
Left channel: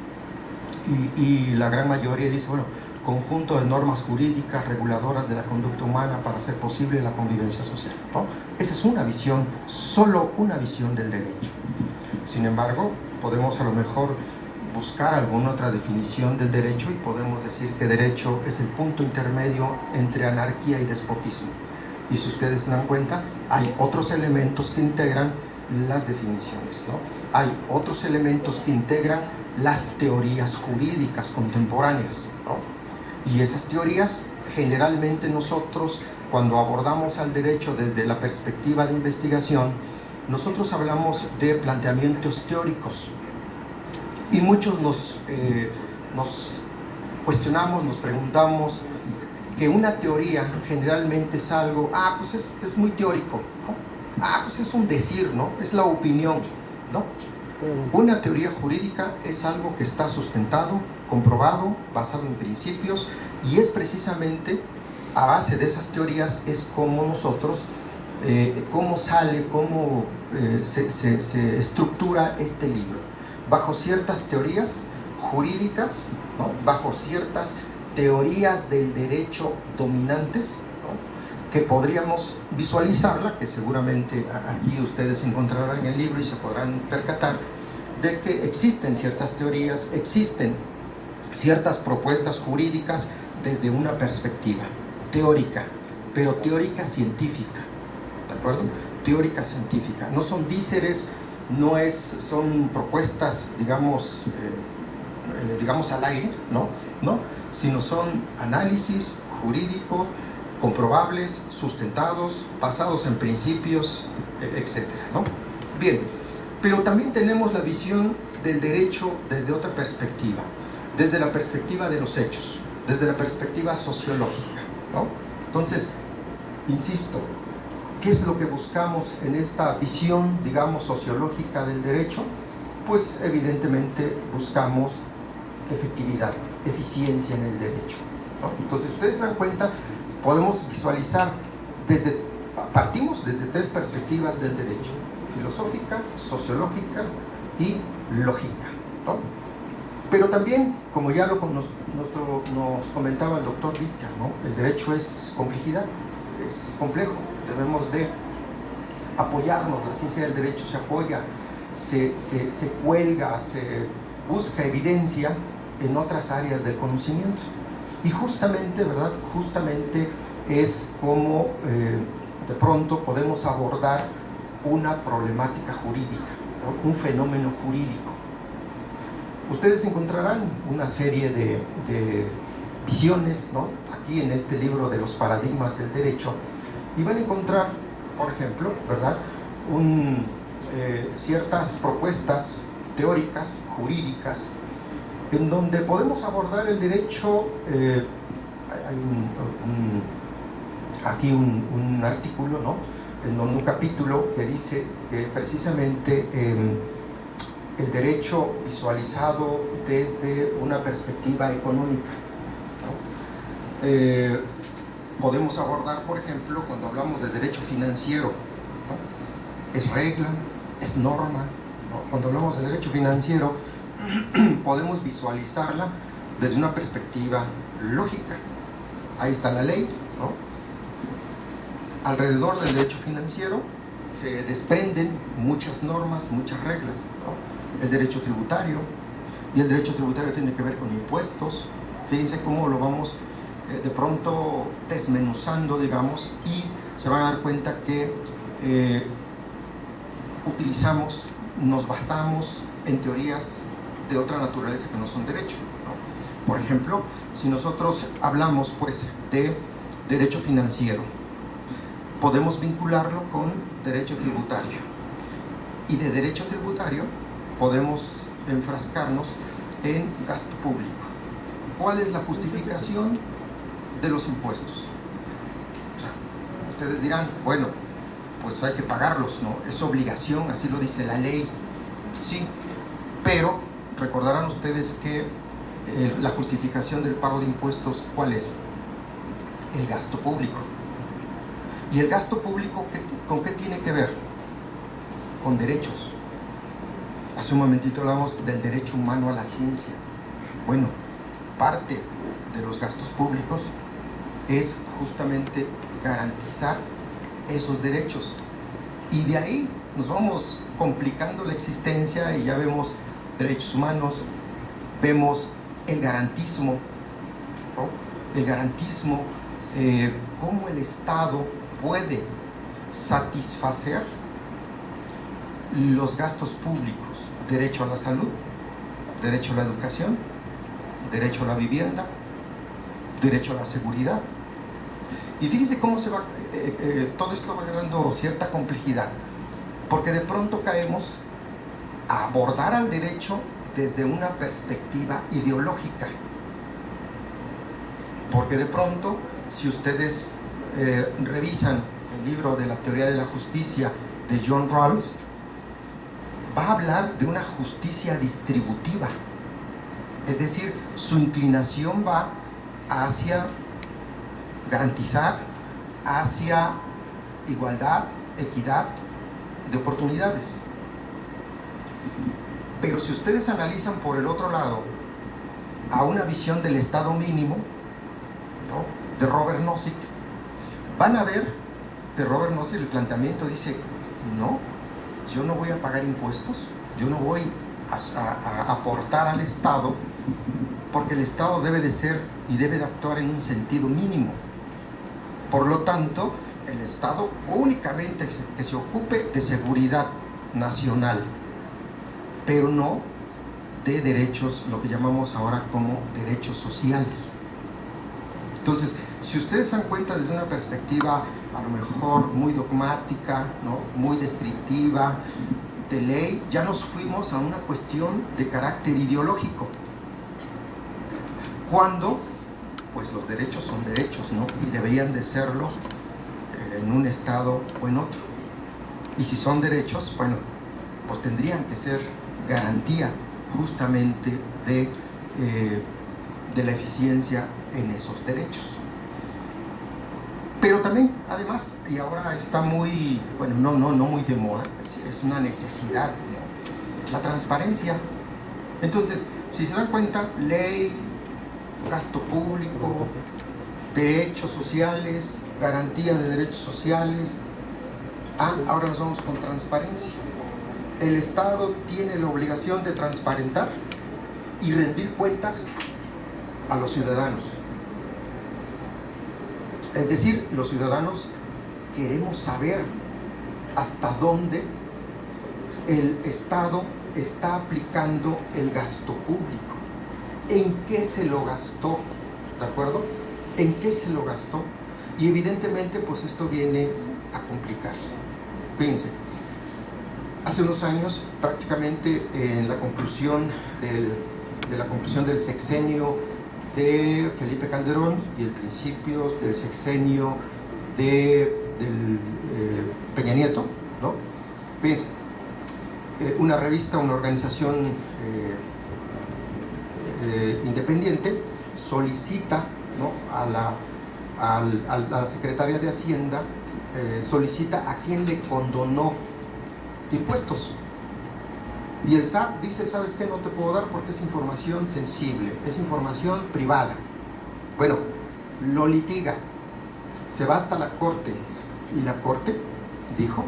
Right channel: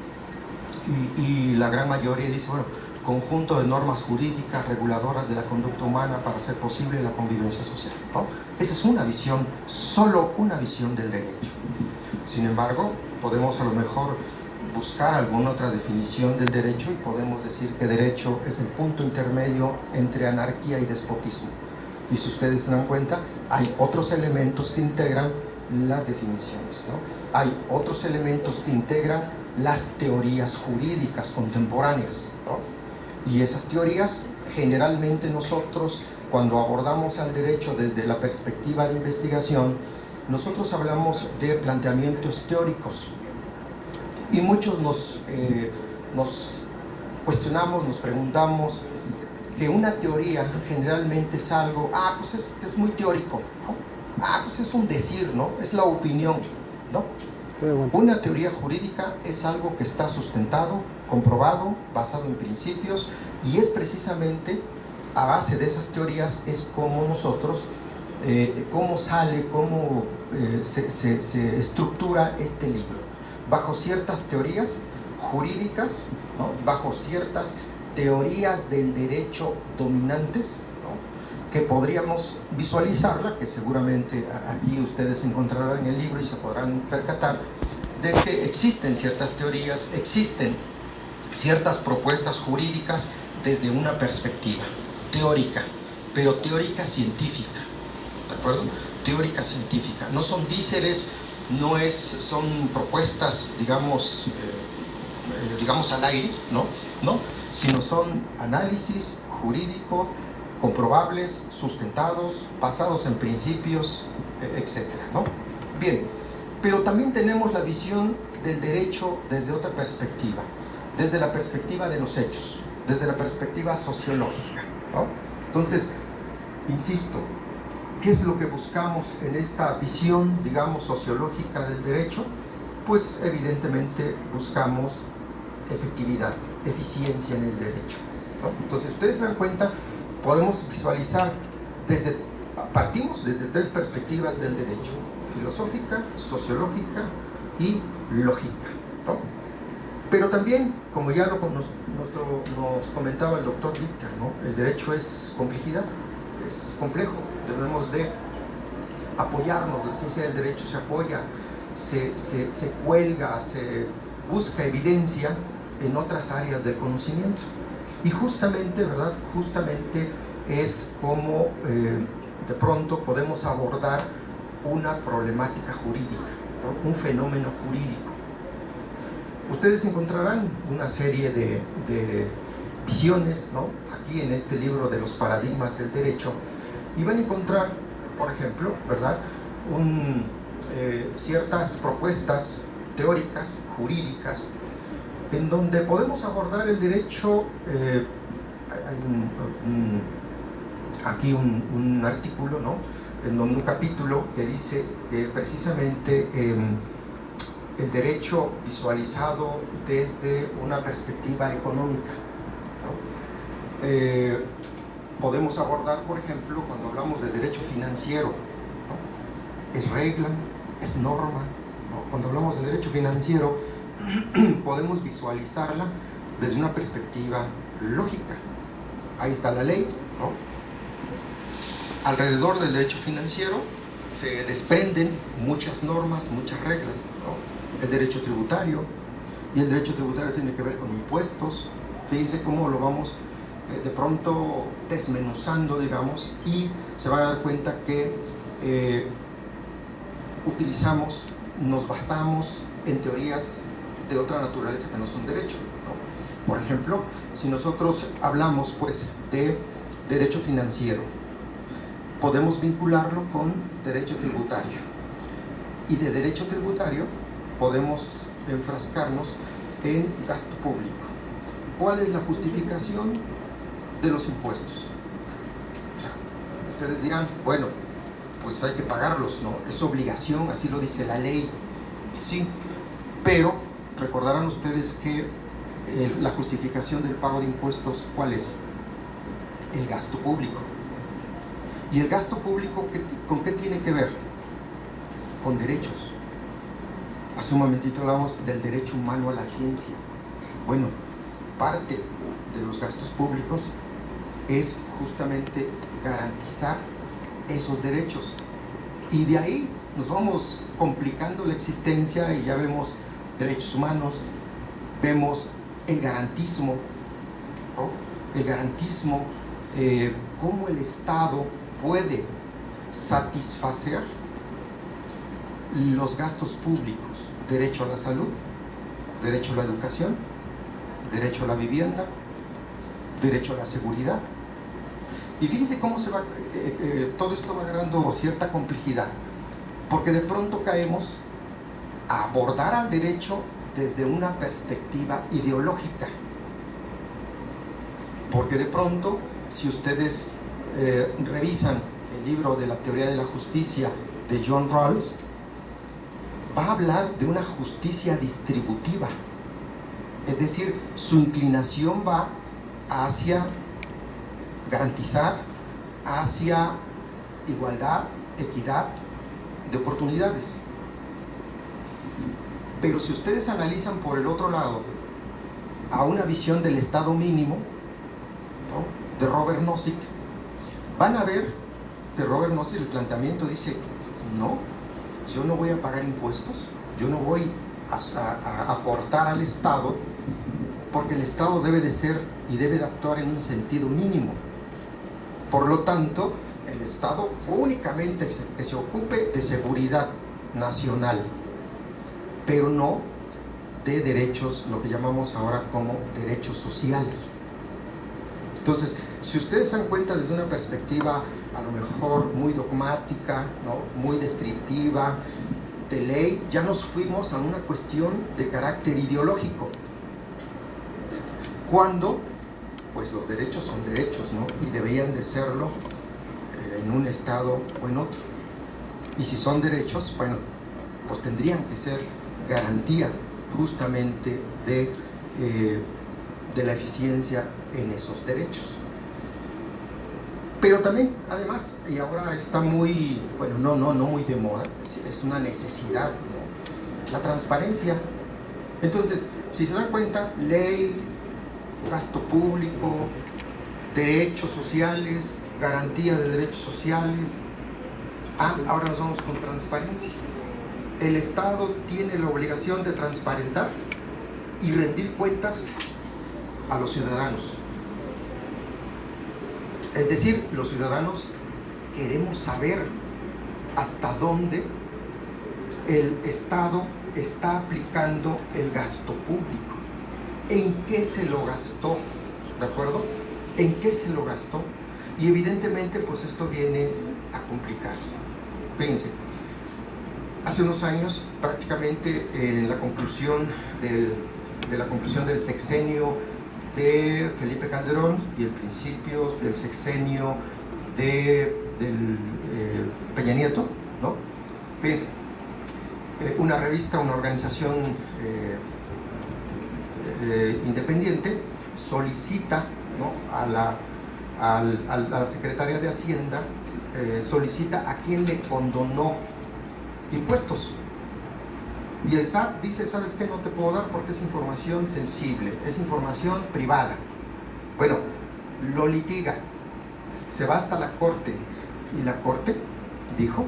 Y la gran mayoría dice, bueno, conjunto de normas jurídicas reguladoras de la conducta humana para hacer posible la convivencia social, ¿no? Esa es una visión, solo una visión del derecho. Sin embargo, podemos a lo mejor buscar alguna otra definición del derecho y podemos decir que derecho es el punto intermedio entre anarquía y despotismo. Y si ustedes se dan cuenta, hay otros elementos que integran las definiciones, ¿no? Hay otros elementos que integran las teorías jurídicas contemporáneas, ¿no? Y esas teorías, generalmente nosotros, cuando abordamos al derecho desde la perspectiva de investigación, nosotros hablamos de planteamientos teóricos. Y muchos nos cuestionamos, nos preguntamos que una teoría generalmente es algo, pues es muy teórico, ¿no? Pues es un decir, ¿no? Es la opinión, ¿no? Una teoría jurídica es algo que está sustentado, comprobado, basado en principios, y es precisamente a base de esas teorías es como nosotros, cómo sale, cómo se estructura este libro. Bajo ciertas teorías jurídicas, ¿no? Bajo ciertas teorías del derecho dominantes, ¿no? Que podríamos visualizarla, que seguramente aquí ustedes encontrarán en el libro y se podrán percatar de que existen ciertas teorías, existen ciertas propuestas jurídicas desde una perspectiva teórica, pero teórica científica, ¿de acuerdo? Teórica científica, no son díceres, son propuestas, digamos al aire, ¿no? Sino son análisis jurídico, comprobables, sustentados, basados en principios, etcétera, ¿no? Bien, pero también tenemos la visión del derecho desde otra perspectiva, desde la perspectiva de los hechos, desde la perspectiva sociológica, ¿no? Entonces, insisto, ¿qué es lo que buscamos en esta visión, digamos, sociológica del derecho? Pues evidentemente buscamos efectividad, eficiencia en el derecho, ¿no? Entonces, ustedes se dan cuenta, podemos visualizar partimos desde tres perspectivas del derecho: filosófica, sociológica y lógica, ¿no? Pero también, como ya nos comentaba el doctor Víctor, ¿no? El derecho es complejidad, es complejo, debemos de apoyarnos, la ciencia del derecho se apoya, se cuelga, se busca evidencia en otras áreas del conocimiento. Y justamente, ¿verdad? Justamente es como de pronto podemos abordar una problemática jurídica, ¿no? Un fenómeno jurídico. Ustedes encontrarán una serie de visiones, ¿no? Aquí en este libro de los paradigmas del derecho, y van a encontrar, por ejemplo, ¿verdad? Ciertas propuestas teóricas, jurídicas, en donde podemos abordar el derecho. Hay aquí un artículo, ¿no? En un capítulo que dice que precisamente el derecho visualizado desde una perspectiva económica, ¿no? Podemos abordar, por ejemplo, cuando hablamos de derecho financiero, ¿no? Es regla, es norma, ¿no? Cuando hablamos de derecho financiero podemos visualizarla desde una perspectiva lógica. Ahí está la ley, ¿no? Alrededor del derecho financiero se desprenden muchas normas, muchas reglas, ¿no? El derecho tributario, y el derecho tributario tiene que ver con impuestos. Fíjense cómo lo vamos de pronto desmenuzando, digamos, y se van a dar cuenta que nos basamos en teorías de otra naturaleza que no son derecho, ¿no? Por ejemplo, si nosotros hablamos pues de derecho financiero, podemos vincularlo con derecho tributario, y de derecho tributario podemos enfrascarnos en gasto público. ¿Cuál es la justificación de los impuestos? O sea, ustedes dirán, bueno, pues hay que pagarlos, ¿no? Es obligación, así lo dice la ley. Sí, pero recordarán ustedes que la justificación del pago de impuestos, ¿cuál es? El gasto público. ¿Y el gasto público con qué tiene que ver? Con derechos. Hace un momentito hablamos del derecho humano a la ciencia. Bueno, parte de los gastos públicos es justamente garantizar esos derechos, y de ahí nos vamos complicando la existencia y ya vemos derechos humanos, vemos el garantismo, ¿no? El garantismo, cómo el Estado puede satisfacer los gastos públicos: derecho a la salud, derecho a la educación, derecho a la vivienda, derecho a la seguridad. Y fíjense cómo se va, todo esto va agarrando cierta complejidad, porque de pronto caemos a abordar al derecho desde una perspectiva ideológica, porque de pronto, si ustedes revisan el libro de la teoría de la justicia de John Rawls, va a hablar de una justicia distributiva, es decir, su inclinación va hacia garantizar, hacia igualdad, equidad de oportunidades. Pero si ustedes analizan por el otro lado a una visión del Estado mínimo, ¿no?, de Robert Nozick, van a ver que Robert Nozick, el planteamiento dice: no, yo no voy a pagar impuestos, yo no voy a aportar al Estado, porque el Estado debe de ser y debe de actuar en un sentido mínimo. Por lo tanto, el Estado únicamente que se ocupe de seguridad nacional, pero no de derechos, lo que llamamos ahora como derechos sociales. Entonces, si ustedes se dan cuenta desde una perspectiva a lo mejor muy dogmática, ¿no?, muy descriptiva, de ley, ya nos fuimos a una cuestión de carácter ideológico, cuando pues los derechos son derechos, ¿no?, y deberían de serlo en un estado o en otro. Y si son derechos, bueno, pues tendrían que ser garantía justamente de la eficiencia en esos derechos. Pero también, además, y ahora está muy, bueno, no muy de moda, es una necesidad, la transparencia. Entonces, si se dan cuenta, ley, gasto público, derechos sociales, garantía de derechos sociales. Ahora nos vamos con transparencia. El Estado tiene la obligación de transparentar y rendir cuentas a los ciudadanos. Es decir, los ciudadanos queremos saber hasta dónde el Estado está aplicando el gasto público, en qué se lo gastó, ¿de acuerdo? En qué se lo gastó. Y evidentemente, pues esto viene a complicarse. Fíjense, hace unos años, prácticamente en la conclusión del sexenio de Felipe Calderón y el principio del sexenio de Peña Nieto, ¿no? Fíjense, una revista, una organización independiente solicita, ¿no?, a la secretaria de Hacienda, solicita a quien le condonó impuestos. Y el SAT dice, ¿sabes qué? No te puedo dar porque es información sensible, es información privada. Bueno, lo litiga, se va hasta la Corte, y la Corte dijo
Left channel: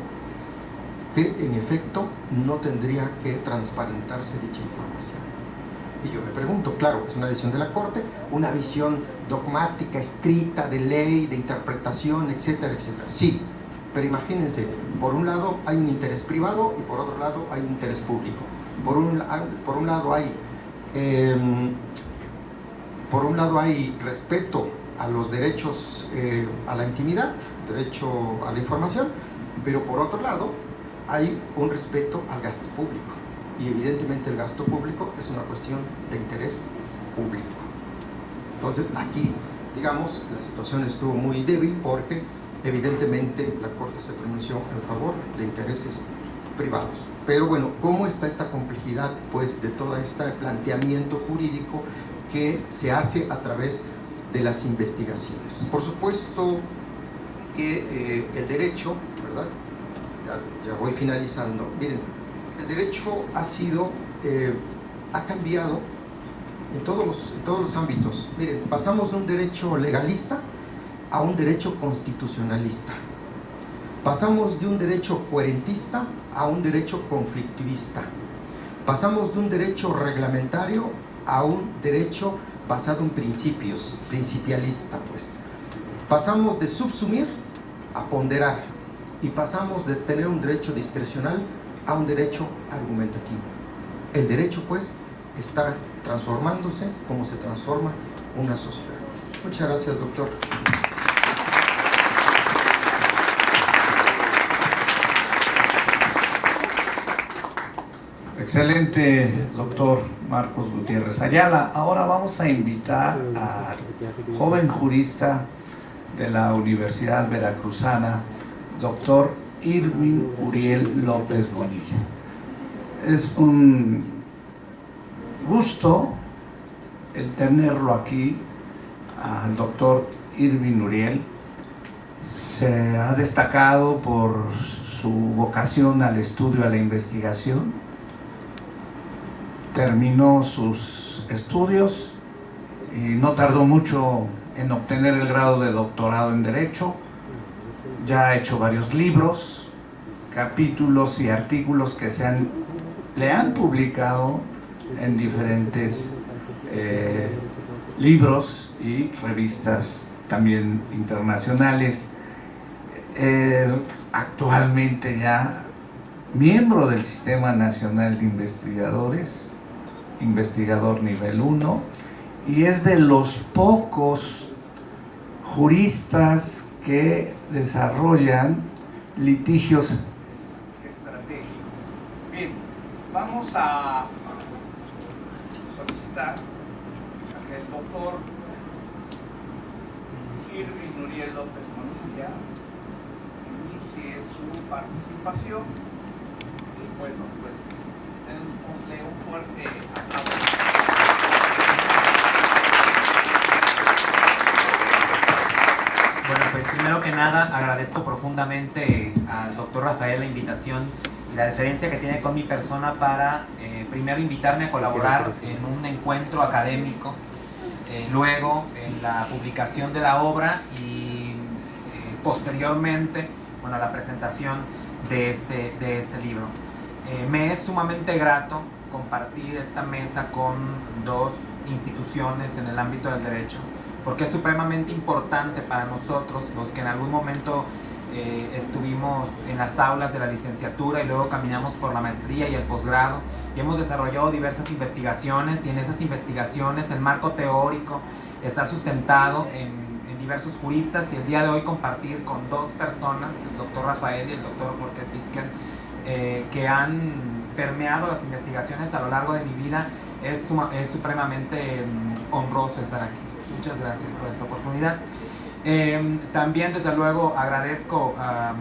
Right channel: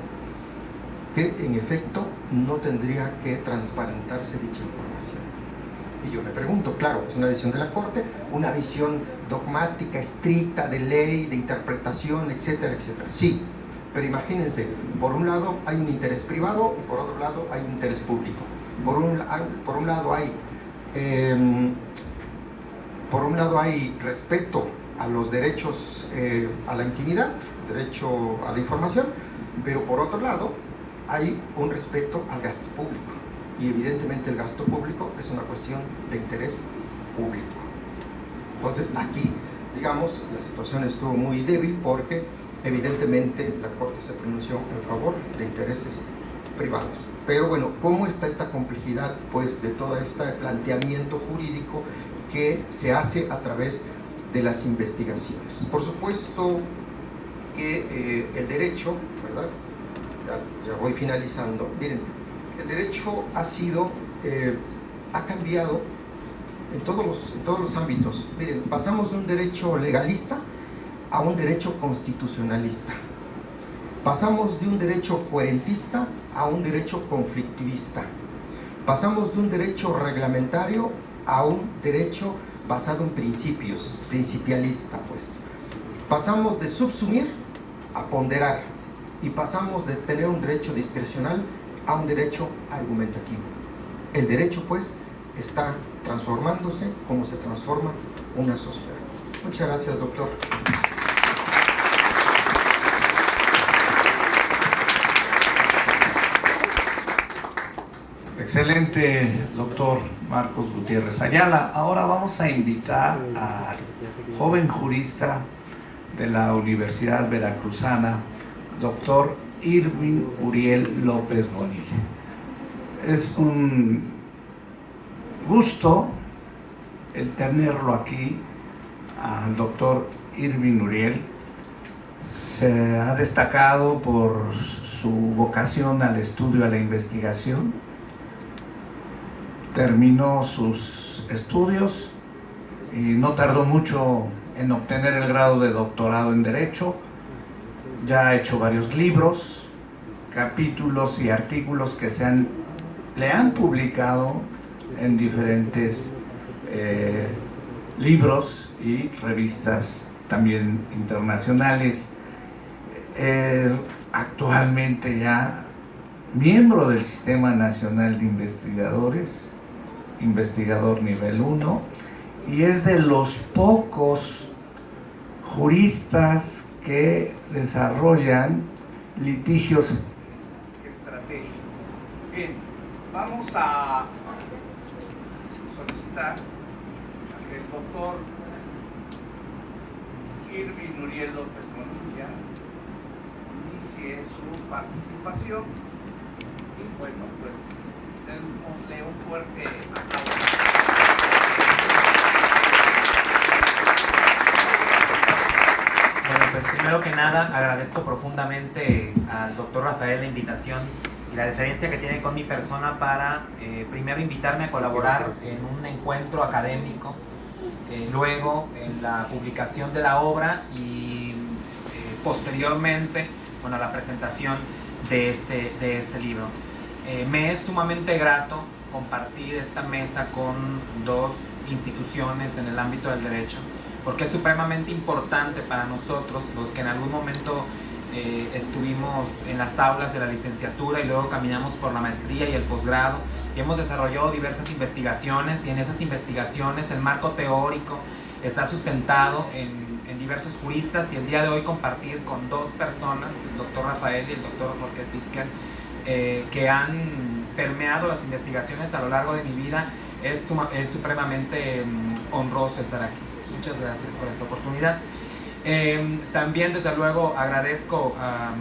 que en efecto no tendría que transparentarse dicha información. Y yo me pregunto, claro, es una decisión de la Corte, una visión dogmática, estricta, de ley, de interpretación, etcétera, etcétera. Sí, pero imagínense, por un lado hay un interés privado y por otro lado hay un interés público. Por un lado hay respeto a los derechos a la intimidad, derecho a la información, pero por otro lado hay un respeto al gasto público. Y evidentemente el gasto público es una cuestión de interés público. Entonces aquí, digamos, la situación estuvo muy débil porque evidentemente la Corte se pronunció en favor de intereses privados. Pero bueno, ¿cómo está esta complejidad, pues, de todo este planteamiento jurídico que se hace a través de las investigaciones? Por supuesto que el derecho, ¿verdad? Ya voy finalizando. Miren, el derecho ha cambiado en todos los ámbitos. Miren, pasamos de un derecho legalista a un derecho constitucionalista. Pasamos de un derecho coherentista a un derecho conflictivista. Pasamos de un derecho reglamentario a un derecho basado en principios, principialista, pues. Pasamos de subsumir a ponderar y pasamos de tener un derecho discrecional a un derecho argumentativo. El derecho, pues, está transformándose como se transforma una sociedad. Muchas gracias, doctor. Excelente, doctor Marcos Gutiérrez Ayala. Ahora vamos a invitar al joven jurista de la Universidad Veracruzana, doctor Irving Uriel López Bonilla. Es un gusto el tenerlo aquí, al doctor Irving Uriel. Se ha destacado por su vocación al estudio, a la investigación. Terminó sus estudios y no tardó mucho en obtener el grado de doctorado en Derecho. Ya ha hecho varios libros, capítulos y artículos que le han publicado en diferentes libros y revistas también internacionales, actualmente ya miembro del Sistema Nacional de Investigadores, investigador nivel 1, y es de los pocos juristas que desarrollan litigios estratégicos. Bien, vamos a solicitar a que el doctor Irving Uriel López Monilla inicie su participación y bueno, pues démosle un fuerte aplauso. Bueno, pues primero que nada agradezco profundamente al doctor Rafael la invitación y la deferencia que tiene con mi persona para primero invitarme a colaborar en un encuentro académico, luego en la publicación de la obra y posteriormente, bueno, a la presentación de este libro. Me es sumamente grato compartir esta mesa con dos instituciones en el ámbito del derecho, porque es supremamente importante para nosotros, los que en algún momento estuvimos en las aulas de la licenciatura y luego caminamos por la maestría y el posgrado y hemos desarrollado diversas investigaciones, y en esas investigaciones el marco teórico está sustentado en diversos juristas, y el día de hoy compartir con dos personas, el doctor Rafael y el doctor Jorge Pitker, que han permeado las investigaciones a lo largo de mi vida, es supremamente honroso estar aquí. Muchas gracias por esta oportunidad. También, desde luego, agradezco a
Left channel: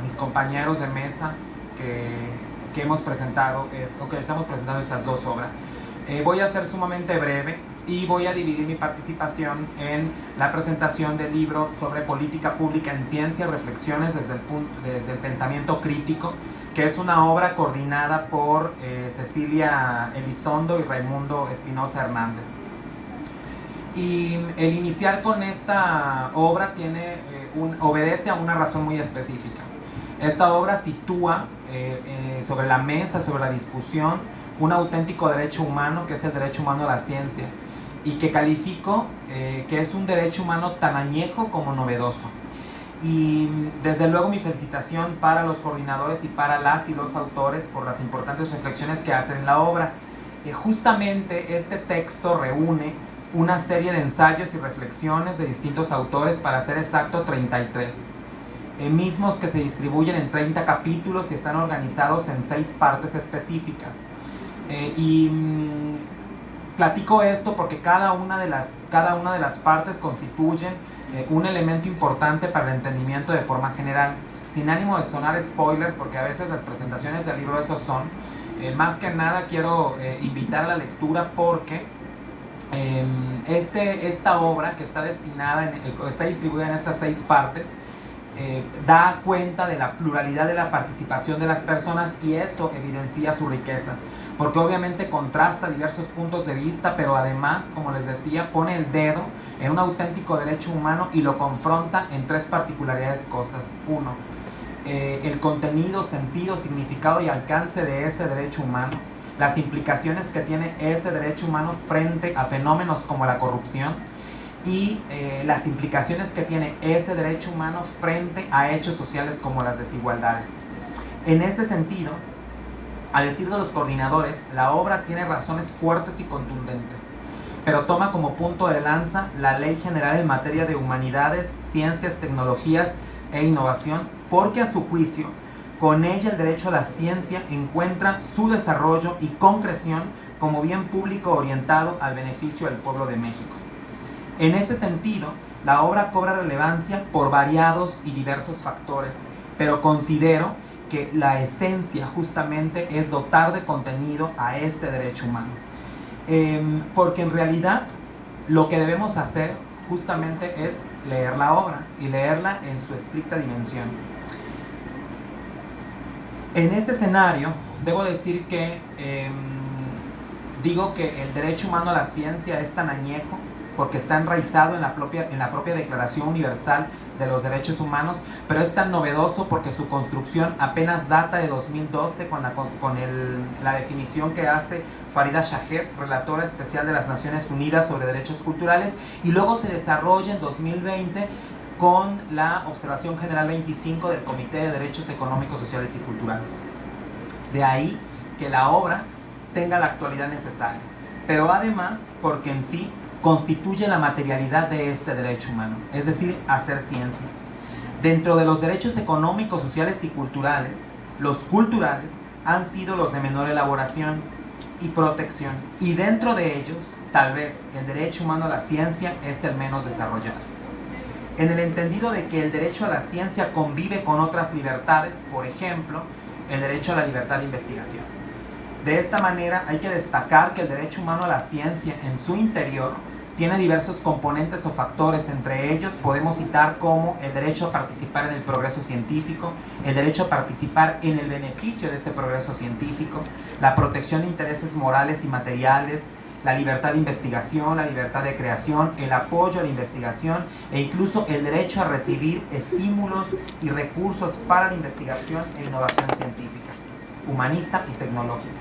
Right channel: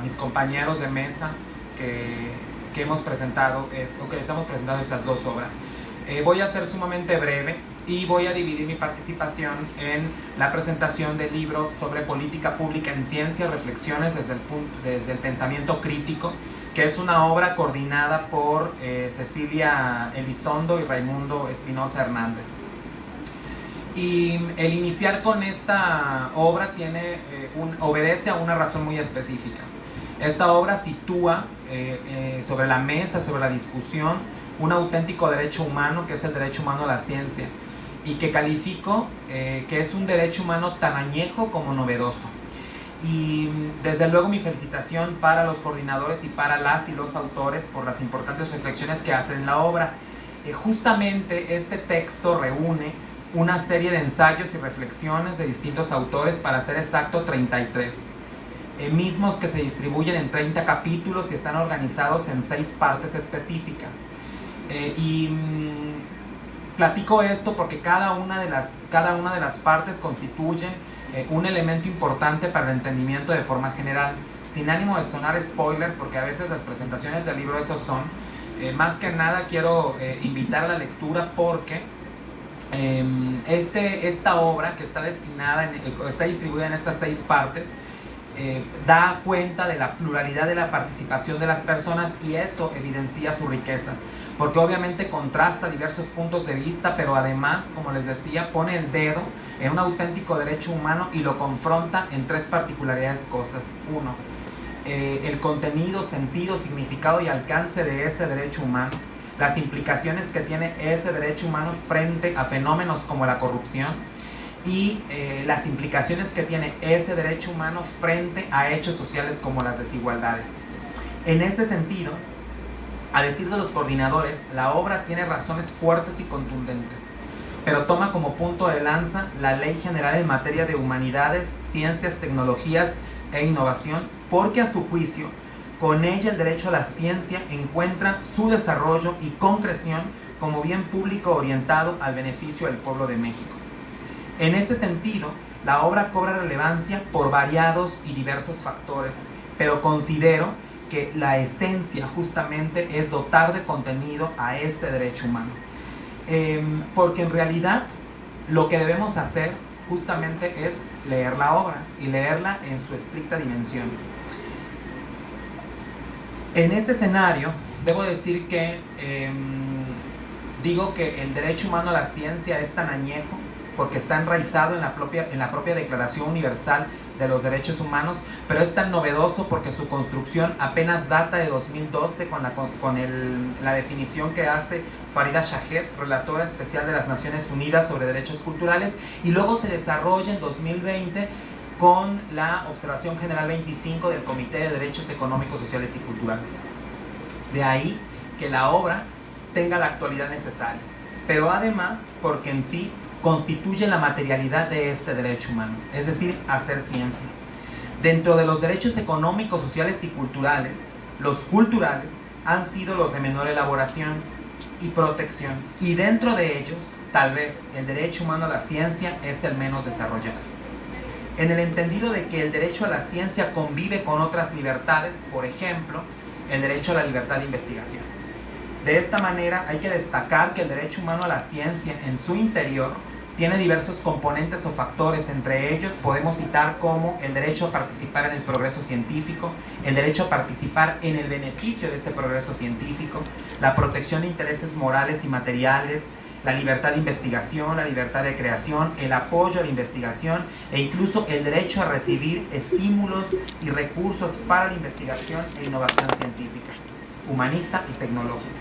mis compañeros de mesa que hemos presentado, que estamos presentando estas dos obras. Voy a ser sumamente breve y voy a dividir mi participación en la presentación del libro sobre política pública en ciencia, reflexiones desde el pensamiento crítico, que es una obra coordinada por Cecilia Elizondo y Raimundo Espinosa Hernández. Y el iniciar con esta obra obedece a una razón muy específica. Esta obra sitúa sobre la mesa, sobre la discusión, un auténtico derecho humano, que es el derecho humano a la ciencia, y que califico que es un derecho humano tan añejo como novedoso. Y desde luego mi felicitación para los coordinadores y para las y los autores por las importantes reflexiones que hacen en la obra. Justamente este texto reúne una serie de ensayos y reflexiones de distintos autores, para ser exacto 33, mismos que se distribuyen en 30 capítulos y están organizados en 6 partes específicas. Platico esto porque cada una de las partes constituyen un elemento importante para el entendimiento de forma general, sin ánimo de sonar spoiler, porque a veces las presentaciones del libro esos son. Más que nada quiero invitar a la lectura, porque esta obra, que está distribuida en estas 6 partes, da cuenta de la pluralidad de la participación de las personas, y eso evidencia su riqueza, porque obviamente contrasta diversos puntos de vista, pero además, como les decía, pone el dedo en un auténtico derecho humano y lo confronta en 3 particularidades cosas. 1, el contenido, sentido, significado y alcance de ese derecho humano, las implicaciones que tiene ese derecho humano frente a fenómenos como la corrupción, y las implicaciones que tiene ese derecho humano frente a hechos sociales como las desigualdades. En este sentido, a decir de los coordinadores, la obra tiene razones fuertes y contundentes, pero toma como punto de lanza la Ley General en materia de humanidades, ciencias, tecnologías e innovación, porque a su juicio, con ella el derecho a la ciencia encuentra su desarrollo y concreción como bien público orientado al beneficio del pueblo de México. En ese sentido, la obra cobra relevancia por variados y diversos factores, pero considero que la esencia justamente es dotar de contenido a este derecho humano. Porque en realidad lo que debemos hacer justamente es leer la obra y leerla en su estricta dimensión. En este escenario, debo decir que digo que el derecho humano a la ciencia es tan añejo porque está enraizado en la propia Declaración Universal de los Derechos Humanos, pero es tan novedoso porque su construcción apenas data de 2012 con la definición que hace Farida Shahed, relatora especial de las Naciones Unidas sobre Derechos Culturales, y luego se desarrolla en 2020 con la Observación General 25 del Comité de Derechos Económicos, Sociales y Culturales. De ahí que la obra tenga la actualidad necesaria, pero además porque en sí constituye la materialidad de este derecho humano, es decir, hacer ciencia. Dentro de los derechos económicos, sociales y culturales, los culturales han sido los de menor elaboración y protección, y dentro de ellos, tal vez el derecho humano a la ciencia es el menos desarrollado. En el entendido de que el derecho a la ciencia convive con otras libertades, por ejemplo, el derecho a la libertad de investigación. De esta manera hay que destacar que el derecho humano a la ciencia en su interior tiene diversos componentes o factores. Entre ellos podemos citar como el derecho a participar en el progreso científico, el derecho a participar en el beneficio de ese progreso científico, la protección de intereses morales y materiales, la libertad de investigación, la libertad de creación, el apoyo a la investigación e incluso el derecho a recibir estímulos y recursos para la investigación e innovación científica, humanista y tecnológica.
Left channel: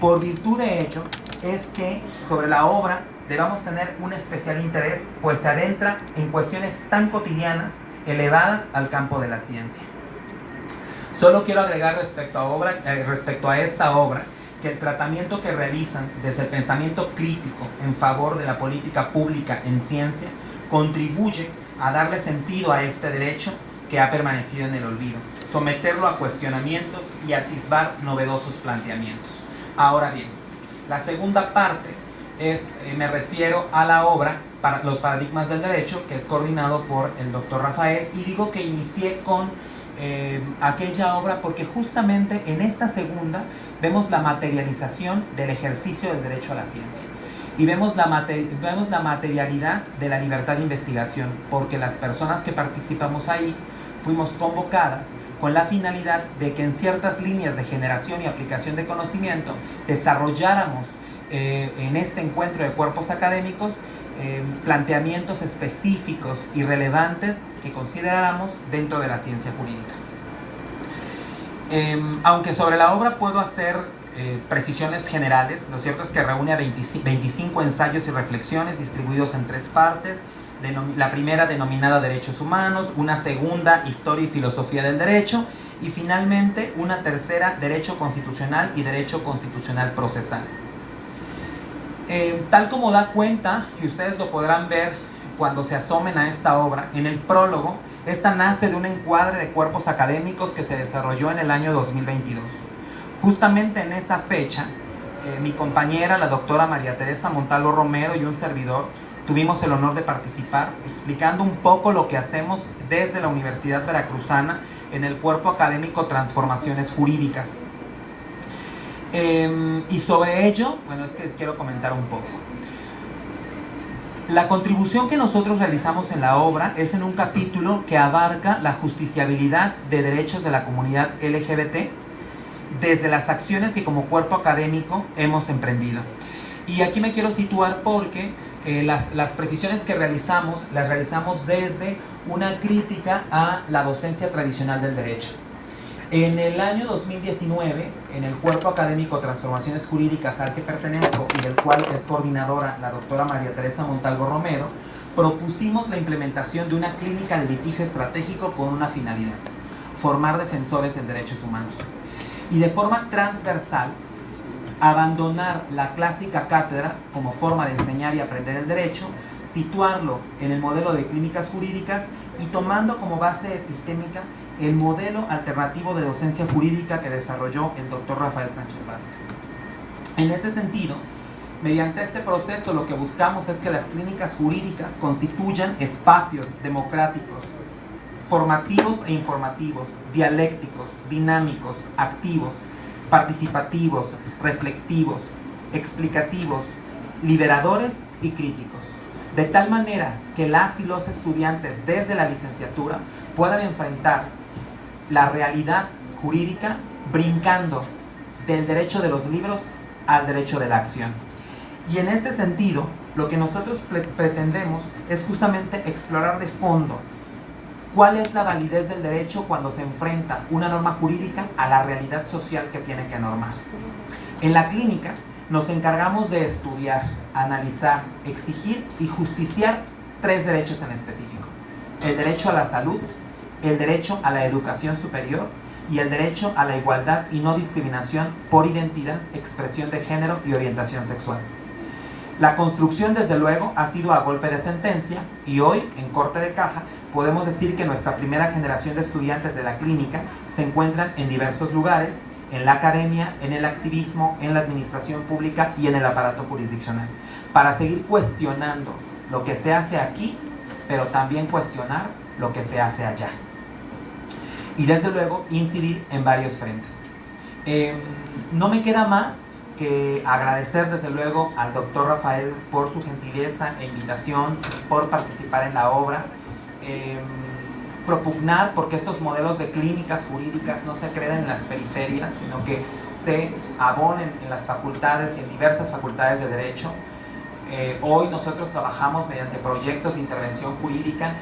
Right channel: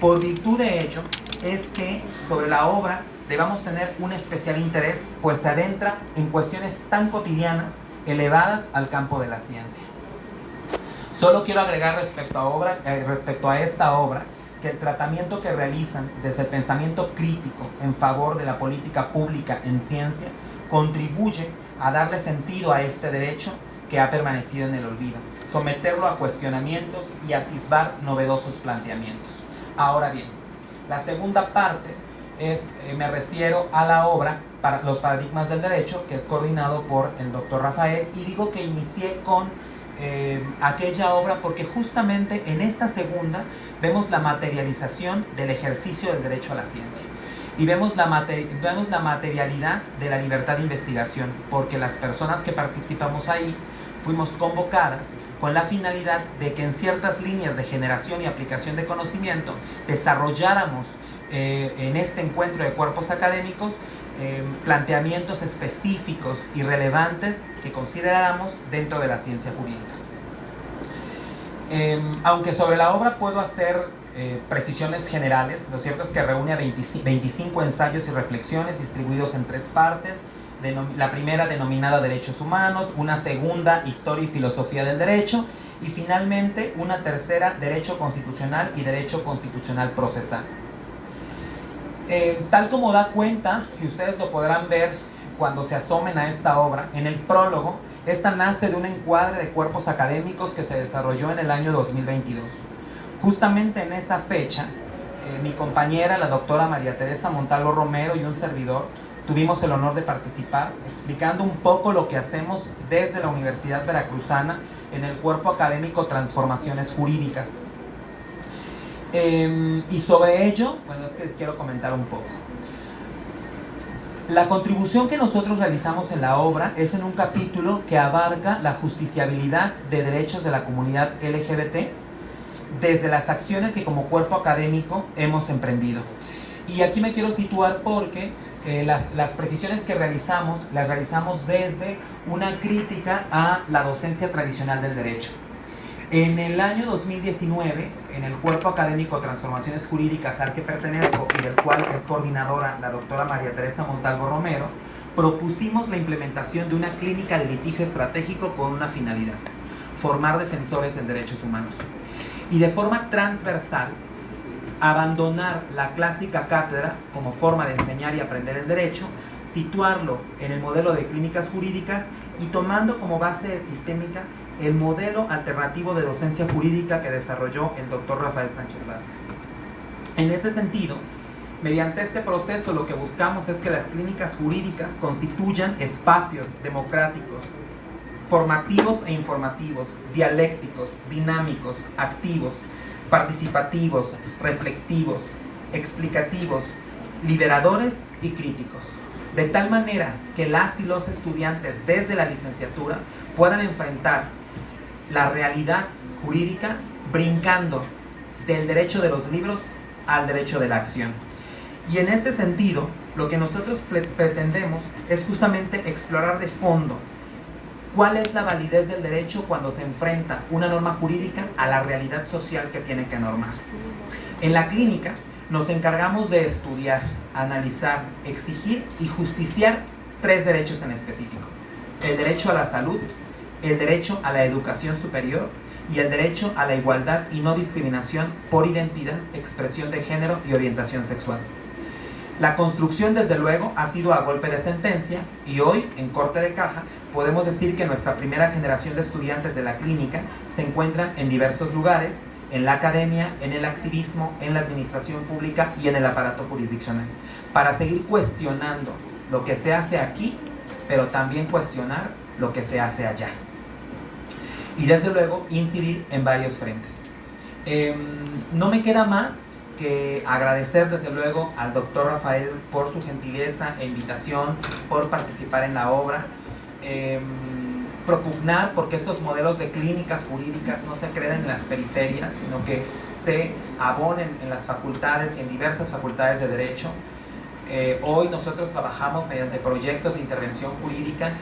Por virtud de ello es que sobre la obra debamos tener un especial interés, pues se adentra en cuestiones tan cotidianas, elevadas al campo de la ciencia. Solo quiero agregar respecto a esta obra, que el tratamiento que realizan desde el pensamiento crítico en favor de la política pública en ciencia contribuye a darle sentido a este derecho que ha permanecido en el olvido, someterlo a cuestionamientos y atisbar novedosos planteamientos. Ahora bien, la segunda parte me refiero a la obra para los paradigmas del derecho, que es coordinado por el doctor Rafael, y digo que inicié con aquella obra porque justamente en esta segunda vemos la materialización del ejercicio del derecho a la ciencia y vemos la materialidad de la libertad de investigación, porque las personas que participamos ahí fuimos convocadas con la finalidad de que en ciertas líneas de generación y aplicación de conocimiento desarrolláramos en este encuentro de cuerpos académicos planteamientos específicos y relevantes que consideráramos dentro de la ciencia jurídica. Aunque sobre la obra puedo hacer precisiones generales, lo cierto es que reúne a 25 ensayos y reflexiones distribuidos en 3 partes. La primera denominada Derechos Humanos, una segunda Historia y Filosofía del Derecho, y finalmente una tercera Derecho Constitucional y Derecho Constitucional Procesal. Tal como da cuenta, y ustedes lo podrán ver cuando se asomen a esta obra, en el prólogo, esta nace de un encuadre de cuerpos académicos que se desarrolló en el año 2022. Justamente en esa fecha, mi compañera, la doctora María Teresa Montalvo Romero, y un servidor tuvimos el honor de participar explicando un poco lo que hacemos desde la Universidad Veracruzana en el cuerpo académico Transformaciones Jurídicas. Y sobre ello, bueno, es que les quiero comentar un poco. La contribución que nosotros realizamos en la obra es en un capítulo que abarca la justiciabilidad de derechos de la comunidad LGBT desde las acciones que como cuerpo académico hemos emprendido. Y aquí me quiero situar porque las precisiones que realizamos, las realizamos desde una crítica a la docencia tradicional del derecho. En el año 2019, en el cuerpo académico Transformaciones Jurídicas al que pertenezco y del cual es coordinadora la doctora María Teresa Montalvo Romero, propusimos la implementación de una clínica de litigio estratégico con una finalidad: formar defensores en derechos humanos. Y de forma transversal, abandonar la clásica cátedra como forma de enseñar y aprender el derecho, situarlo en el modelo de clínicas jurídicas y tomando como base epistémica el modelo alternativo de docencia jurídica que desarrolló el doctor Rafael Sánchez Vázquez. En este sentido, mediante este proceso lo que buscamos es que las clínicas jurídicas constituyan espacios democráticos, formativos e informativos, dialécticos, dinámicos, activos, participativos, reflectivos, explicativos, liberadores y críticos, de tal manera que las y los estudiantes desde la licenciatura puedan enfrentar la realidad jurídica brincando del derecho de los libros al derecho de la acción. Y en este sentido, lo que nosotros pretendemos es justamente explorar de fondo cuál es la validez del derecho cuando se enfrenta una norma jurídica a la realidad social que tiene que normar. En la clínica nos encargamos de estudiar, analizar, exigir y justiciar 3 derechos en específico: el derecho a la salud, el derecho a la educación superior y el derecho a la igualdad y no discriminación por identidad, expresión de género y orientación sexual. La construcción, desde luego, ha sido a golpe de sentencia, y hoy, en corte de caja, podemos decir que nuestra primera generación de estudiantes de la clínica se encuentran en diversos lugares, en la academia, en el activismo, en la administración pública y en el aparato jurisdiccional, para seguir cuestionando lo que se hace aquí, pero también cuestionar lo que se hace allá. Y desde luego incidir en varios frentes. No me queda más que agradecer desde luego al doctor Rafael por su gentileza e invitación, por participar en la obra, propugnar porque estos modelos de clínicas jurídicas no se creen en las periferias, sino que se abonen en las facultades y en diversas facultades de derecho. Hoy nosotros trabajamos mediante proyectos de intervención jurídica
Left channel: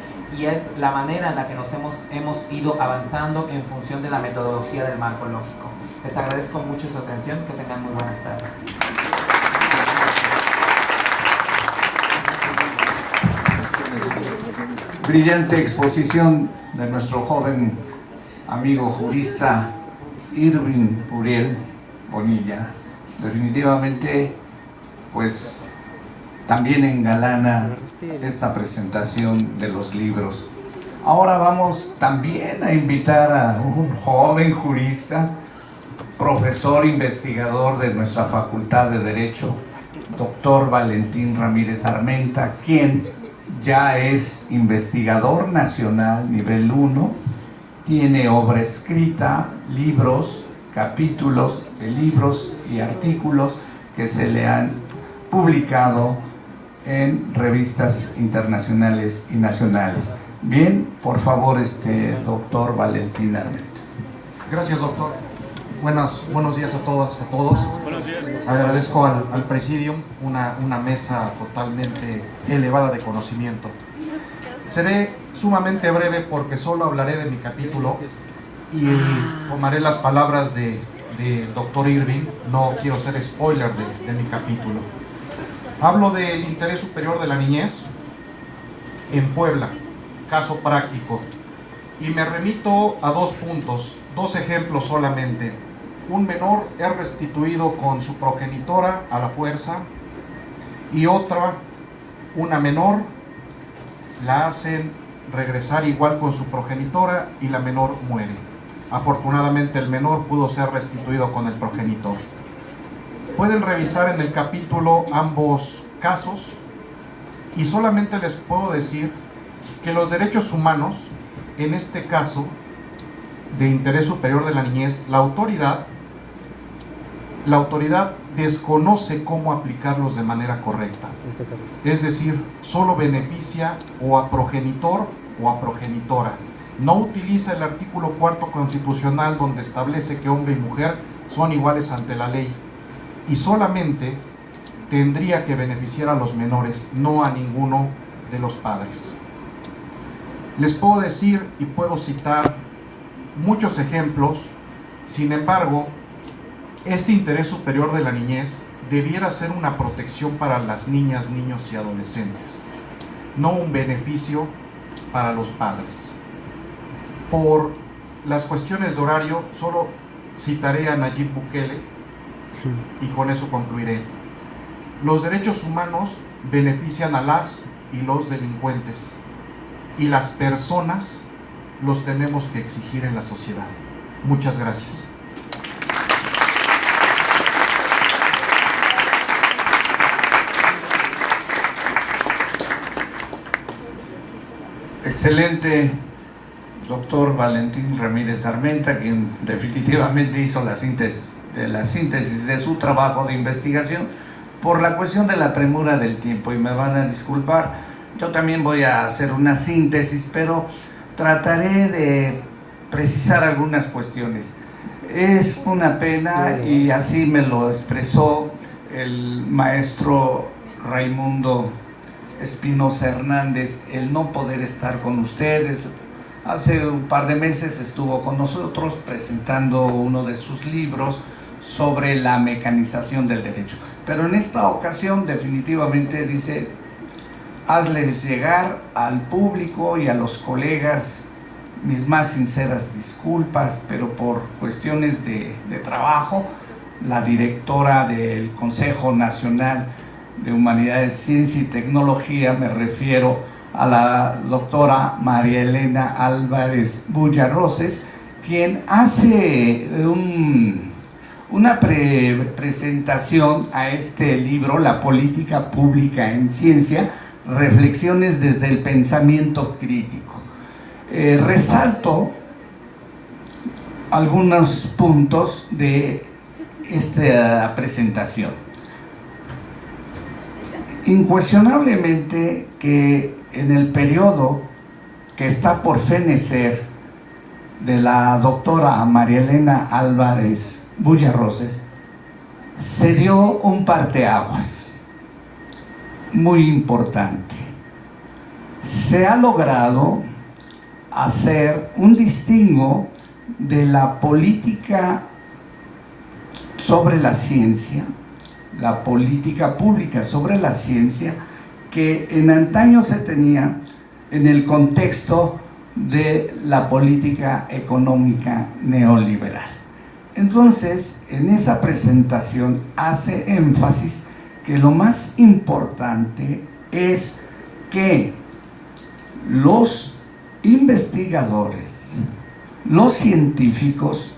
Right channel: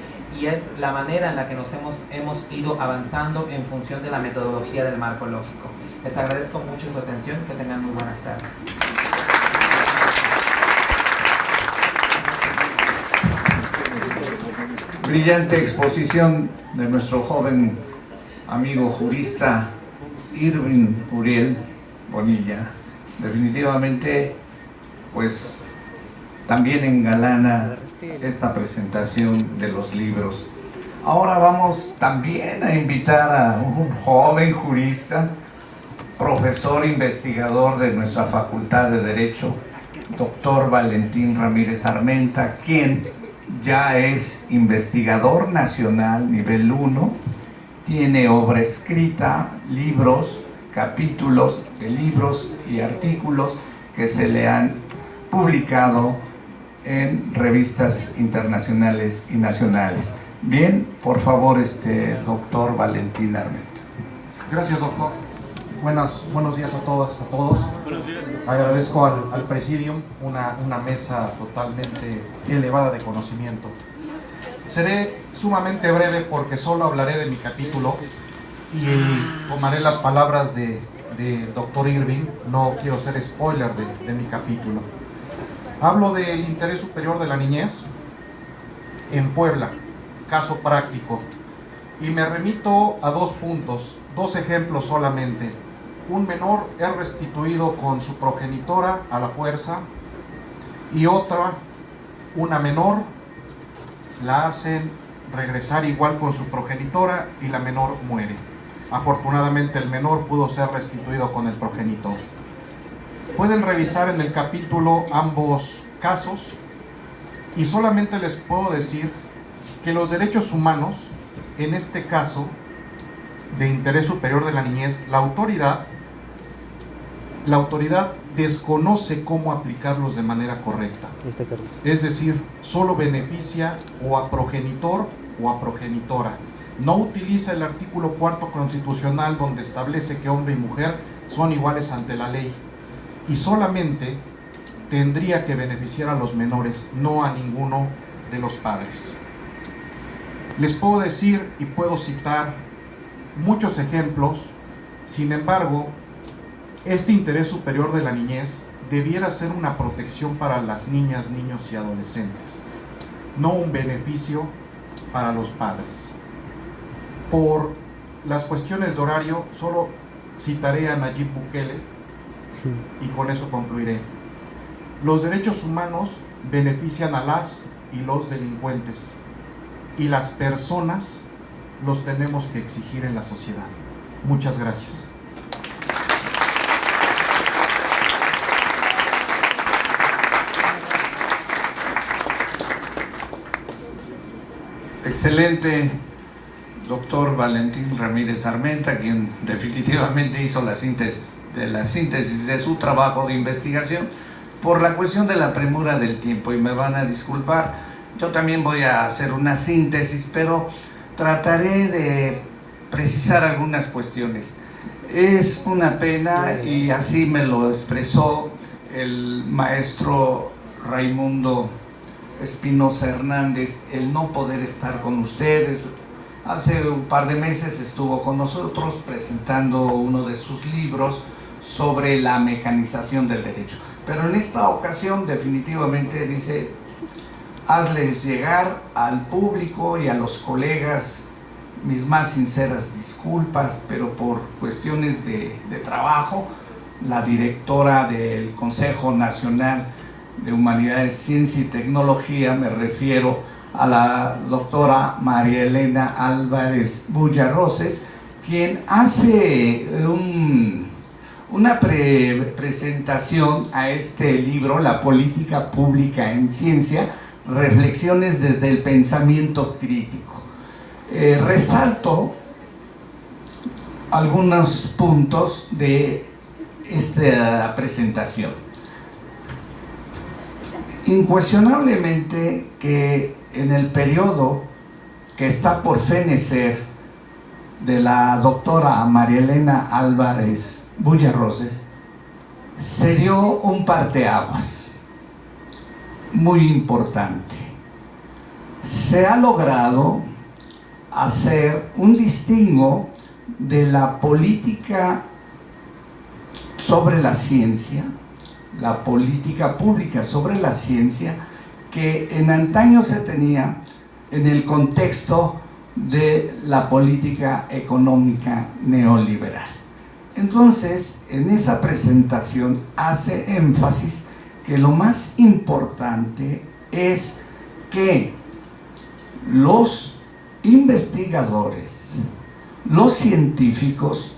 y es la manera en la que nos hemos ido avanzando en función de la metodología del marco lógico. Les agradezco mucho su atención y que tengan muy buenas tardes. Brillante exposición de nuestro joven amigo jurista Irving Uriel Bonilla. Definitivamente, pues, también engalana esta presentación de los libros. Ahora vamos también a invitar a un joven jurista, profesor investigador de nuestra Facultad de Derecho, doctor Valentín Ramírez Armenta, quien ya es investigador nacional nivel 1, tiene obra escrita, libros, capítulos de libros y artículos que se le han publicado en revistas internacionales y nacionales. Bien, por favor, doctor Valentín Armenta. Gracias, doctor. Buenos días a todas, a todos. Buenos días. Agradezco al Presidium una mesa totalmente elevada de conocimiento. Seré sumamente breve porque solo hablaré de mi capítulo y tomaré las palabras de doctor Irving. No quiero ser spoiler de mi capítulo. Hablo del interés superior de la niñez en Puebla, caso práctico, y me remito a 2 puntos, 2 ejemplos solamente. Un menor es restituido con su progenitora a la fuerza y una menor la hacen regresar igual con su progenitora y la menor muere. Afortunadamente el menor pudo ser restituido con el progenitor. Pueden revisar en el capítulo ambos casos y solamente les puedo decir que los derechos humanos, en este caso de interés superior de la niñez, la autoridad desconoce cómo aplicarlos de manera correcta. Es decir, solo beneficia o a progenitor o a progenitora. No utiliza el artículo 4 constitucional donde establece que hombre y mujer son iguales ante la ley. Y solamente tendría que beneficiar a los menores, no a ninguno de los padres. Les puedo decir y puedo citar muchos ejemplos. Sin embargo, este interés superior de la niñez debiera ser una protección para las niñas, niños y adolescentes, no un beneficio para los padres. Por las cuestiones de horario, solo citaré a Nayib Bukele y con eso concluiré. Los derechos humanos benefician a las y los delincuentes, y las personas los tenemos que exigir en la sociedad. Muchas gracias. Excelente, doctor Valentín Ramírez Armenta, quien definitivamente hizo la síntesis de su trabajo de investigación. Por la cuestión de la premura del tiempo, y me van a disculpar, yo también voy a hacer una síntesis, pero trataré de precisar algunas cuestiones. Es una pena, y así me lo expresó el maestro Raimundo Espinosa Hernández el no poder estar con ustedes. Hace un par de meses estuvo con nosotros presentando uno de sus libros sobre la mecanización del derecho. Pero en esta ocasión definitivamente dice: hazles llegar al público y a los colegas mis más sinceras disculpas, pero por cuestiones de trabajo, la directora del Consejo Nacional de Humanidades, Ciencia y Tecnología, me refiero a la doctora María Elena Álvarez Bullarroses, quien hace una presentación a este libro, La Política Pública en Ciencia, reflexiones desde el pensamiento crítico. Resalto algunos puntos de esta presentación. Incuestionablemente que en el periodo que está por fenecer de la doctora María Elena Álvarez Bullarroses se dio un parteaguas muy importante. Se ha logrado hacer un distingo de la política sobre la ciencia, la política pública sobre la ciencia, que en antaño se tenía en el contexto de la política económica neoliberal. Entonces, en esa presentación hace énfasis que lo más importante es que los investigadores, los científicos,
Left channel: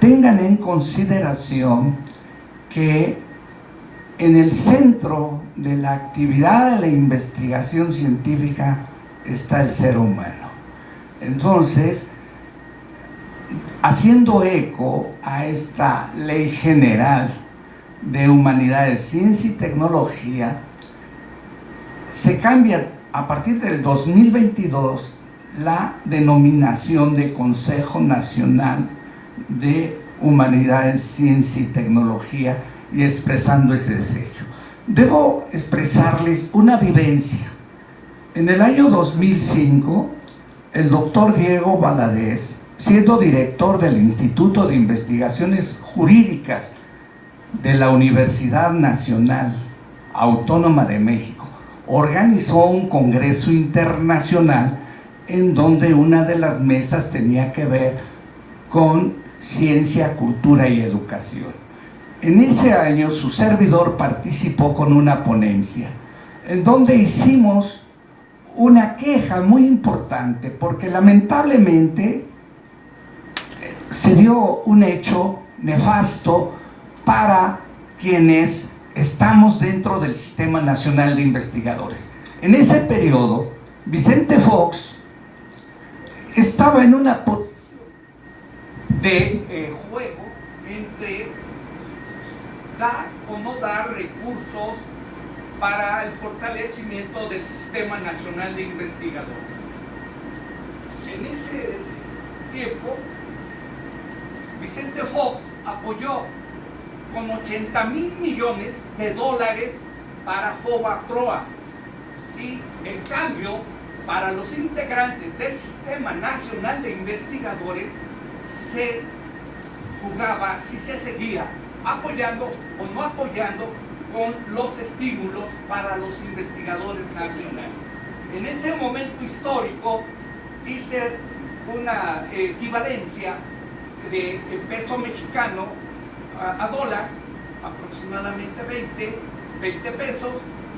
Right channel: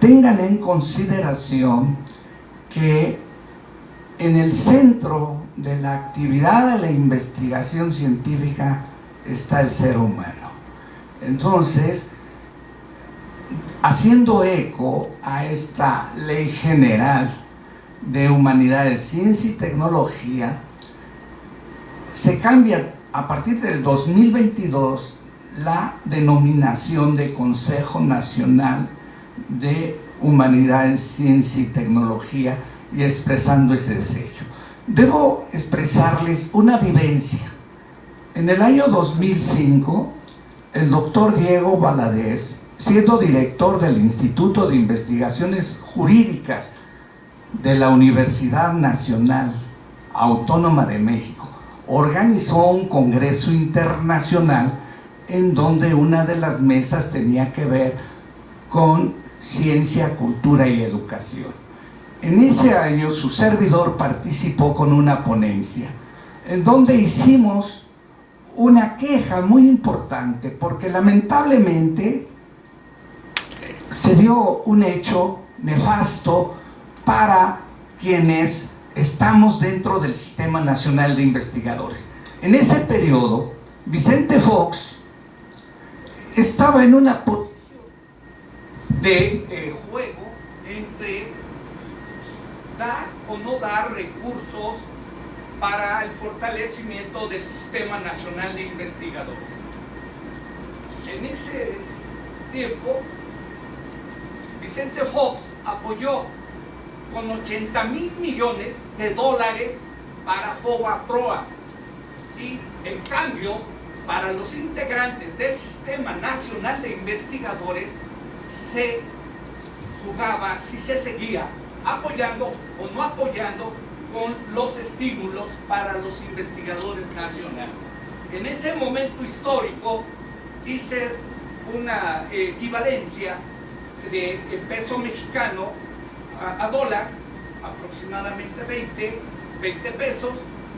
tengan en consideración que en el centro de la actividad de la investigación científica está el ser humano. Entonces, haciendo eco a esta Ley General de Humanidades, Ciencia y Tecnología, se cambia a partir del 2022 la denominación de Consejo Nacional de Humanidades, Ciencia y Tecnología, y expresando ese sello. Debo expresarles una vivencia. En el año 2005, el doctor Diego Valadez, siendo director del Instituto de Investigaciones Jurídicas de la Universidad Nacional Autónoma de México, organizó un congreso internacional en donde una de las mesas tenía que ver con ciencia, cultura y educación. En ese año su servidor participó con una ponencia en donde hicimos una queja muy importante porque lamentablemente se dio un hecho nefasto para quienes estamos dentro del Sistema Nacional de Investigadores. En ese periodo, Vicente Fox estaba en una posición de juego entre dar o no dar recursos para el fortalecimiento del Sistema Nacional de Investigadores. En ese tiempo, Vicente Fox apoyó con $80,000 millones para FOBAPROA, y en cambio para los integrantes del Sistema Nacional de Investigadores se jugaba si se seguía apoyando o no apoyando con los estímulos para los investigadores nacionales. En ese momento histórico hice una equivalencia de peso mexicano a dólar, aproximadamente 20 pesos.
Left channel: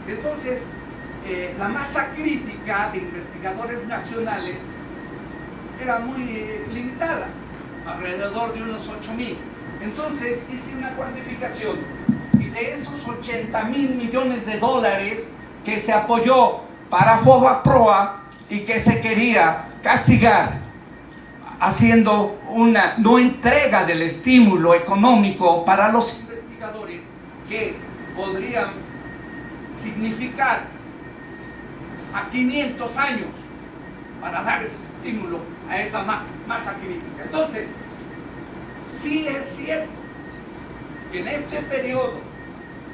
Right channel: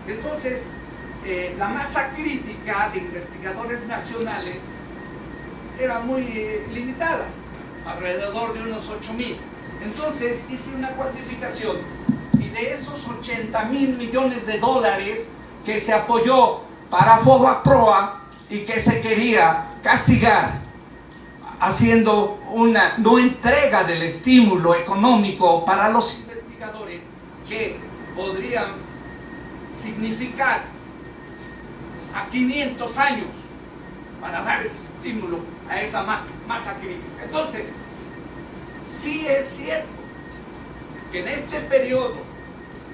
Entonces, la masa crítica de investigadores nacionales era muy limitada, alrededor de unos 8,000. Entonces hice una cuantificación, y de esos $80,000 millones que se apoyó para FOBAPROA y que se quería castigar haciendo una no entrega del estímulo económico para los investigadores, que podrían significar a 500 años para dar ese estímulo a esa masa crítica. Entonces, sí es cierto que en este periodo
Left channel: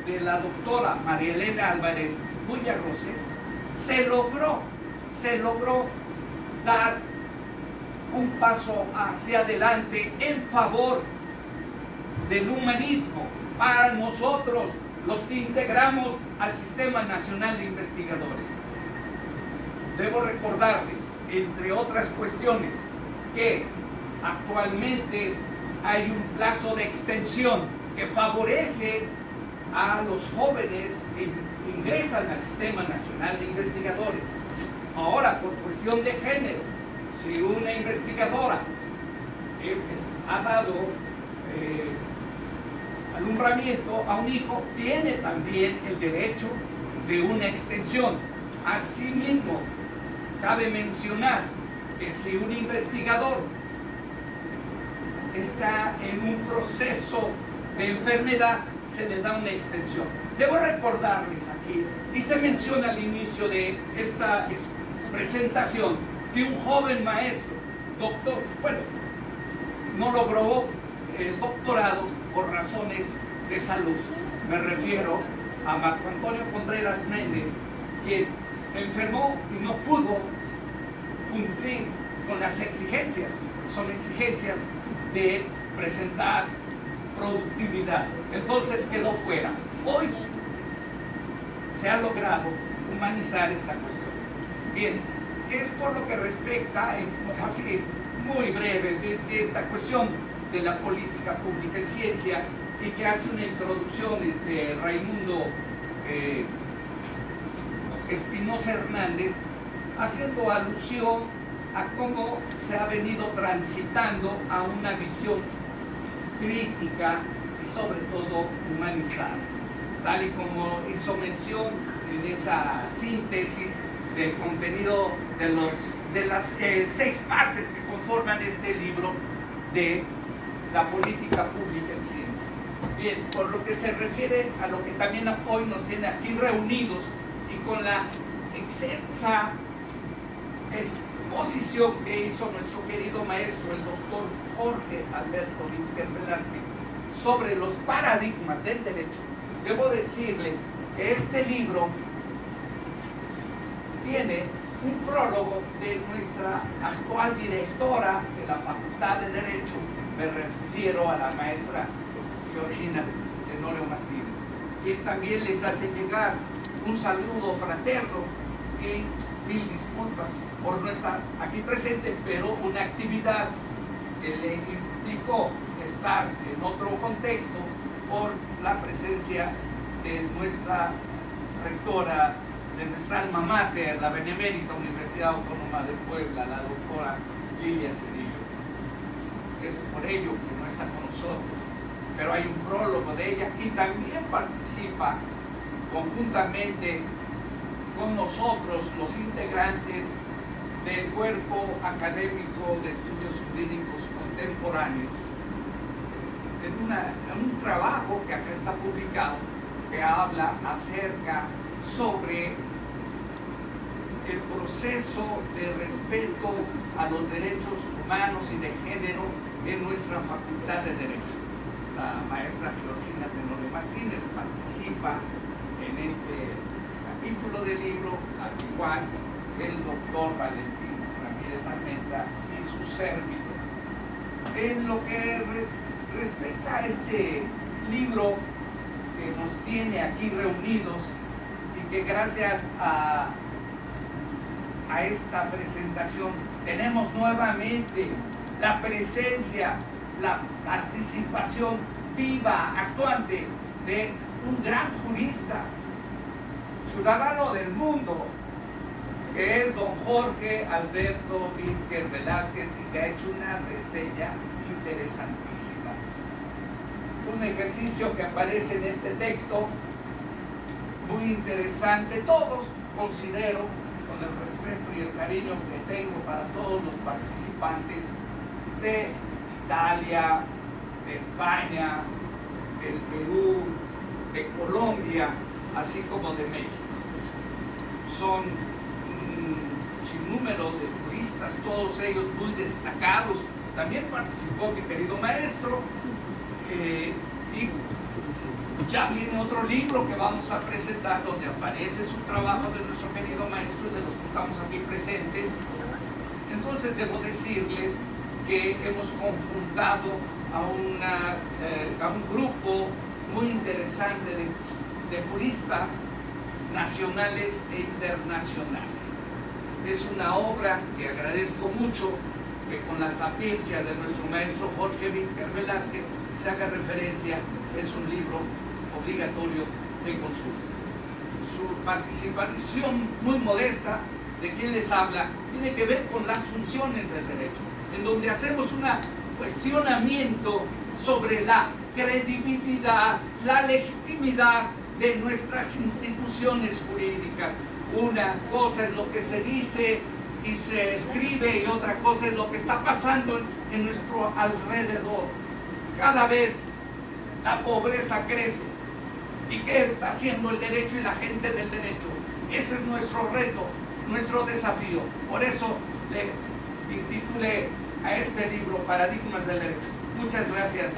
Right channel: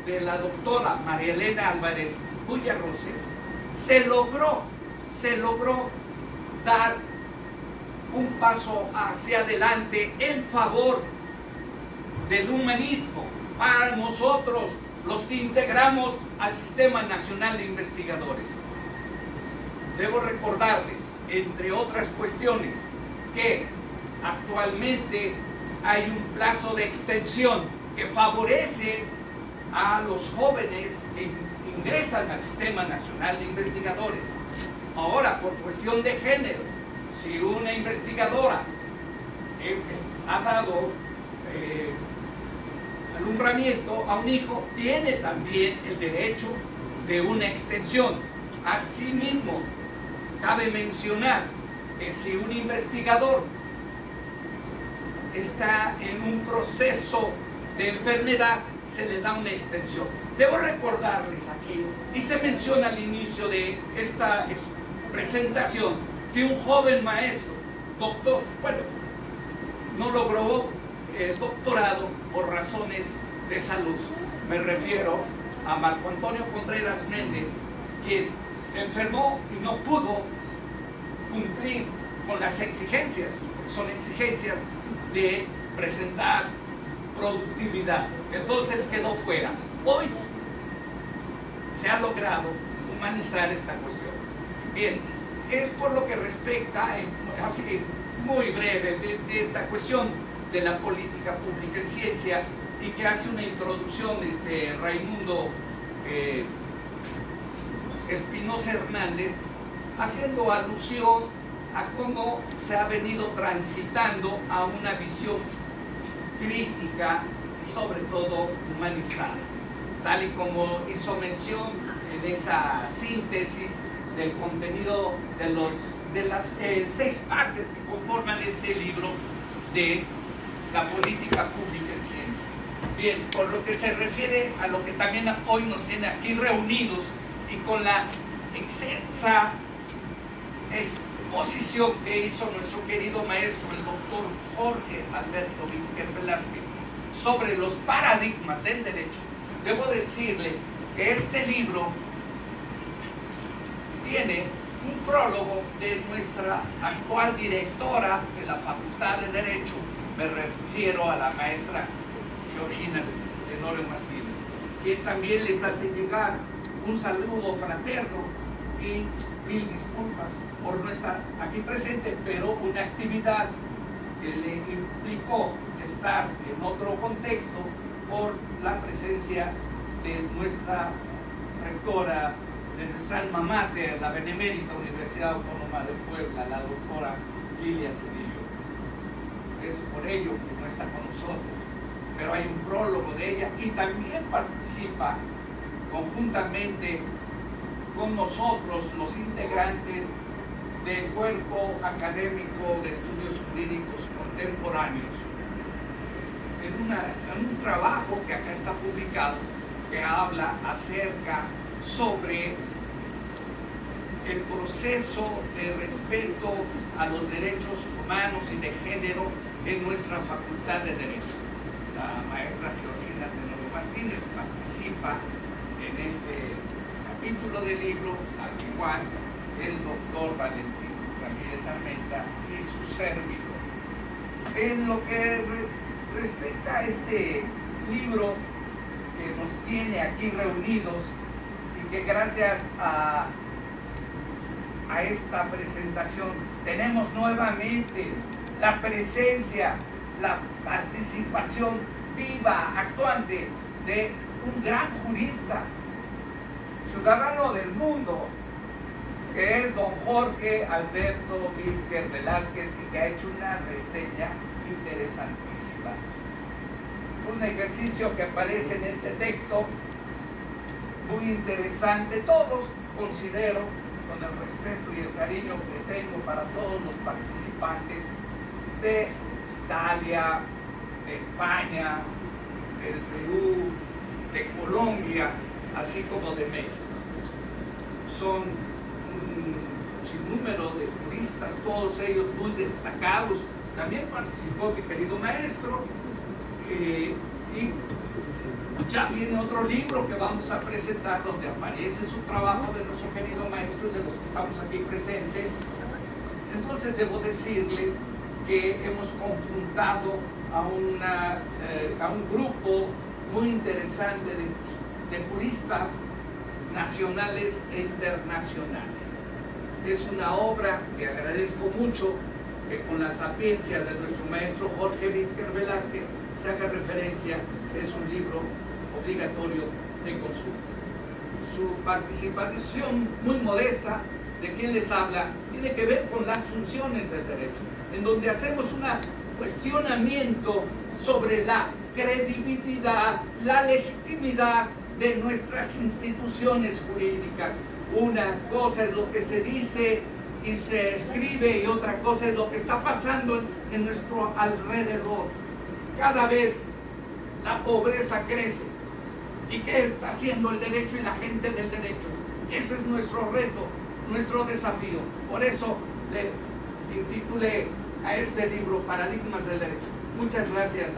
de la doctora María Elena Álvarez Bulla-Roses, se logró dar un paso hacia adelante en favor del humanismo para nosotros, los que integramos al Sistema Nacional de Investigadores. Debo recordarles, entre otras cuestiones, que actualmente hay un plazo de extensión que favorece a los jóvenes que ingresan al Sistema Nacional de Investigadores. Ahora, por cuestión de género, si una investigadora ha dado alumbramiento a un hijo, tiene también el derecho de una extensión. Asimismo, cabe mencionar que si un investigador está en un proceso de enfermedad, se le da una extensión. Debo recordarles aquí, y se menciona al inicio de esta presentación, que un joven maestro, doctor, bueno, no logró el doctorado por razones de salud. Me refiero a Marco Antonio Contreras Méndez, quien enfermó y no pudo cumplir con las exigencias, son exigencias de presentar productividad. Entonces quedó fuera. Hoy se ha logrado humanizar esta cuestión. Bien, es por lo que respecta, así muy breve, de esta cuestión de la política pública en ciencia, y que hace una introducción Raimundo Espinosa Hernández, haciendo alusión a cómo se ha venido transitando a una visión crítica y sobre todo humanizada, tal y como hizo mención en esa síntesis del contenido de las 6 partes que conforman este libro de la política pública en ciencia. Bien, por lo que se refiere a lo que también hoy nos tiene aquí reunidos y con la excelsa exposición que hizo nuestro querido maestro, el doctor Jorge Alberto Víquer Velázquez, sobre los paradigmas del derecho, debo decirle que este libro tiene un prólogo de nuestra actual directora de la Facultad de Derecho, me refiero a la maestra Georgina Tenorio Martínez, que también les hace llegar un saludo fraterno y mil disculpas por no estar aquí presente, pero una actividad que le implicó estar en otro contexto por la presencia de nuestra rectora, de nuestra alma mater, la Benemérita Universidad Autónoma de Puebla, la doctora Lilia Cedillo. Es por ello que no está con nosotros, pero hay un prólogo de ella y también participa conjuntamente con nosotros los integrantes del Cuerpo Académico de Estudios Jurídicos Contemporáneos en un trabajo que acá está publicado, que habla acerca sobre el proceso de respeto a los derechos humanos y de género en nuestra Facultad de Derecho. La maestra Georgina Tenorio Martínez participa en este capítulo del libro, al igual que el doctor Valentín Ramírez Armenta y su servidor. En lo que respecta a este libro que nos tiene aquí reunidos y que gracias a esta presentación tenemos nuevamente la presencia, la participación viva, actuante de un gran jurista, ciudadano del mundo, que es don Jorge Alberto Víquer Velázquez, y que ha hecho una reseña interesantísima. Un ejercicio que aparece en este texto, muy interesante. Todos considero, con el respeto y el cariño que tengo para todos los participantes de Italia, de España, del Perú, de Colombia, así como de México. Son un sinnúmero de juristas, todos ellos muy destacados. También participó mi querido maestro y Ya viene otro libro que vamos a presentar donde aparece su trabajo de nuestro querido maestro y de los que estamos aquí presentes. Entonces debo decirles que hemos conjuntado a un grupo muy interesante de juristas nacionales e internacionales. Es una obra que agradezco mucho que con la sapiencia de nuestro maestro Jorge Víctor Velázquez se haga referencia. Es un libro obligatorio de consulta. Su participación muy modesta de quien les habla tiene que ver con las funciones del derecho, en donde hacemos un cuestionamiento sobre la credibilidad, la legitimidad de nuestras instituciones jurídicas. Una cosa es lo que se dice y se escribe y otra cosa es lo que está pasando en nuestro alrededor. Cada vez la pobreza crece. ¿Y qué está haciendo el derecho y la gente del derecho? Ese es nuestro reto, nuestro desafío. Por eso le intitulé a este libro Paradigmas del Derecho. Muchas gracias.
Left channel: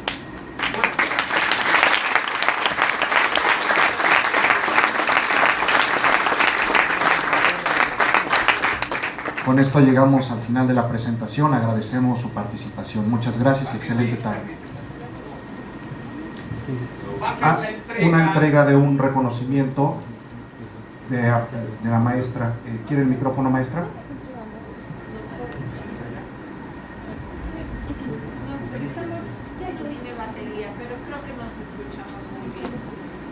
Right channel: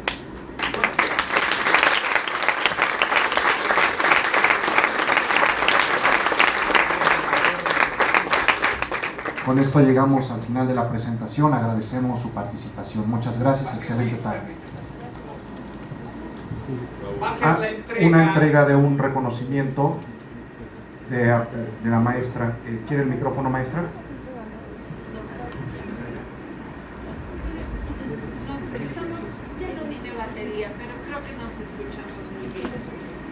Con esto llegamos al final de la presentación. Agradecemos su participación. Muchas gracias y excelente tarde. Una entrega de un reconocimiento de la maestra. ¿Quiere el micrófono, maestra? Ya no tiene batería, pero creo que nos escuchamos muy bien.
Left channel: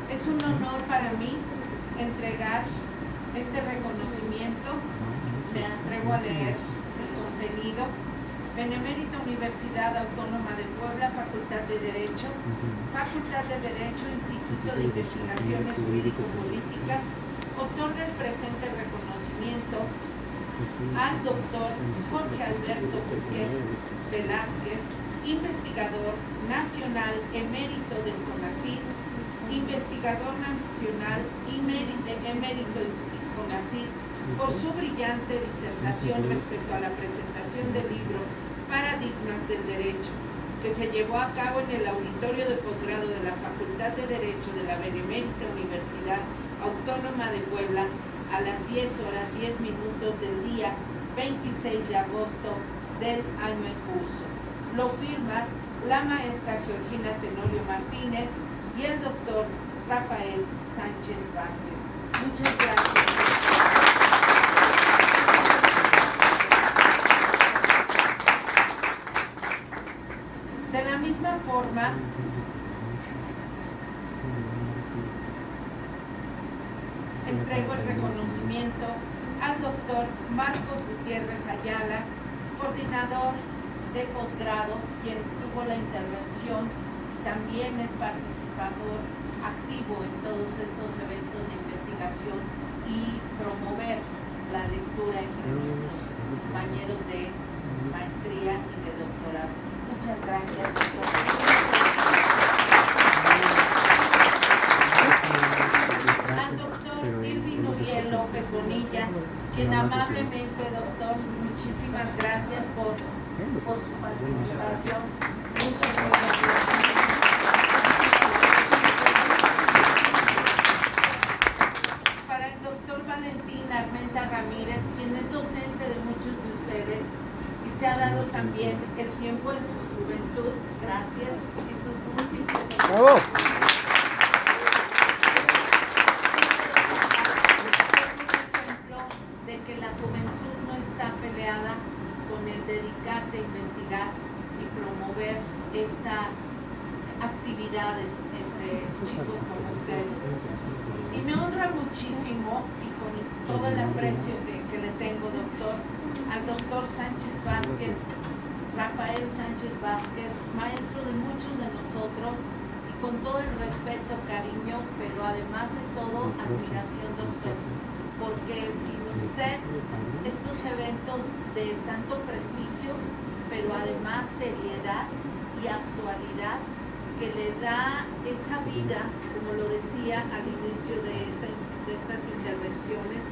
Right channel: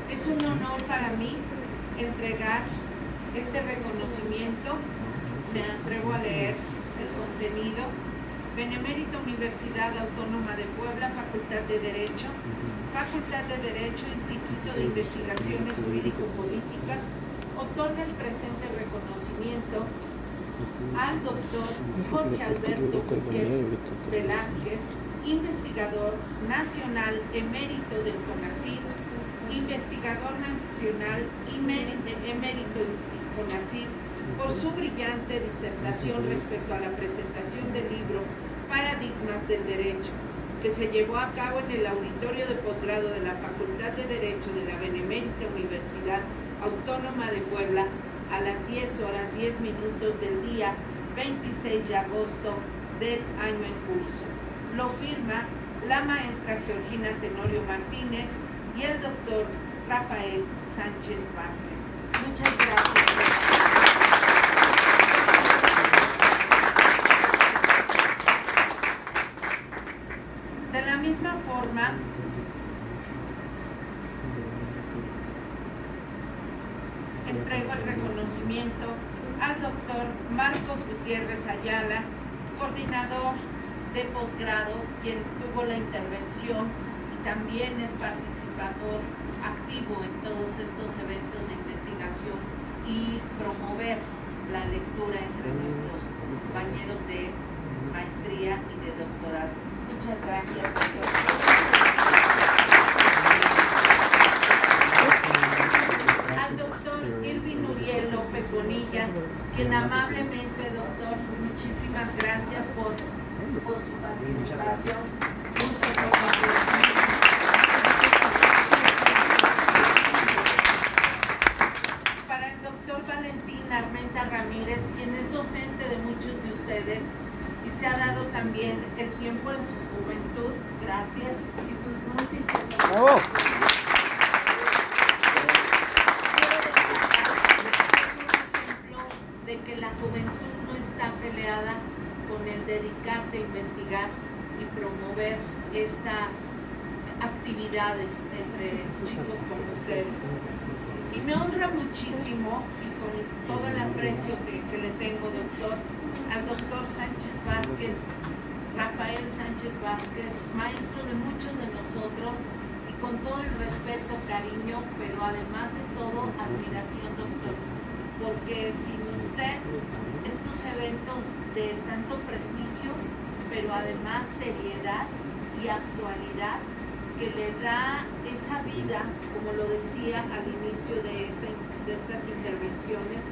Es un honor para mí entregar este reconocimiento. Me atrevo a leer el contenido. Benemérita Universidad Autónoma de Puebla, Facultad de Derecho, Instituto de Investigaciones Jurídico-Políticas, otorga el presente reconocimiento al doctor Jorge Alberto Velázquez, investigador nacional emérito del CONACYT, investigador nacional emérito del CONACYT, por su brillante disertación respecto a la presentación del libro Paradigmas del Derecho, que se llevó a cabo en el auditorio de posgrado de la Facultad de Derecho de la Benemérita Universidad Autónoma de Puebla a las 10:10 del día 26 de agosto del año en curso. Lo firma la maestra Georgina Tenorio Martínez y el doctor Rafael Sánchez Vázquez. Muchas gracias. De la misma forma, entrego el reconocimiento al doctor Marcos Gutiérrez Ayala, coordinador de posgrado, quien tuvo la intervención y también es participador activo en todos estos eventos de investigación y promover la lectura entre nuestros compañeros de maestría y de doctorado. Muchas gracias, doctor. Al doctor Irving Uriel López Bonilla, quien amablemente, doctor, muchísimas gracias por su participación. Muchas gracias. Para el doctor Valentín Armenta Ramírez, quien es docente de muchos de ustedes y se ha dado también el tiempo en su juventud, gracias, y sus múltiples de que la juventud no está peleada con el dedicarte a investigar y promover estas actividades entre chicos como ustedes. Y me honra muchísimo, y con todo el aprecio que le tengo, doctor, al doctor Sánchez Vázquez, Rafael Sánchez Vázquez, maestro de muchos de nosotros, y con todo el respeto, cariño, pero además de todo, admiración, doctor. Porque sin usted, estos eventos de tanto prestigio, pero además seriedad y actualidad, que le da esa vida, como lo decía al inicio de estas intervenciones,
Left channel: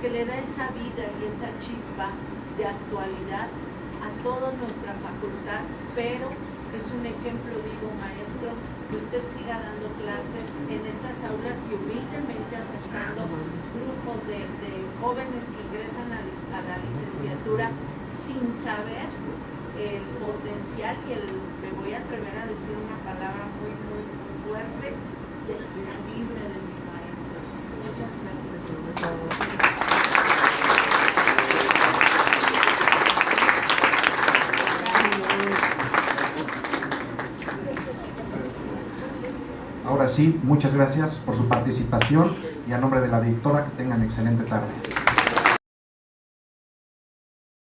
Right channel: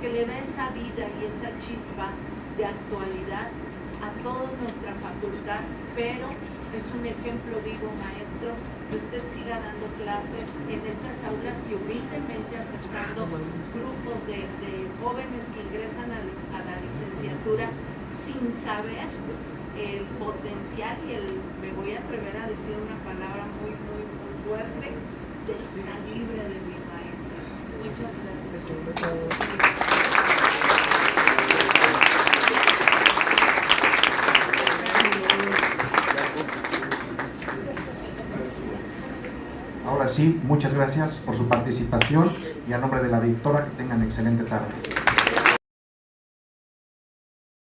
que le da esa vida y esa chispa de actualidad a toda nuestra facultad pero es un ejemplo vivo, maestro, que usted siga dando clases en estas aulas y humildemente aceptando grupos de jóvenes que ingresan a la licenciatura sin saber el potencial y me voy a atrever a decir una palabra muy fuerte, del calibre de mi maestro. Muchas gracias por su presencia. Ahora sí, muchas gracias por su participación y a nombre de la directora que tengan excelente tarde.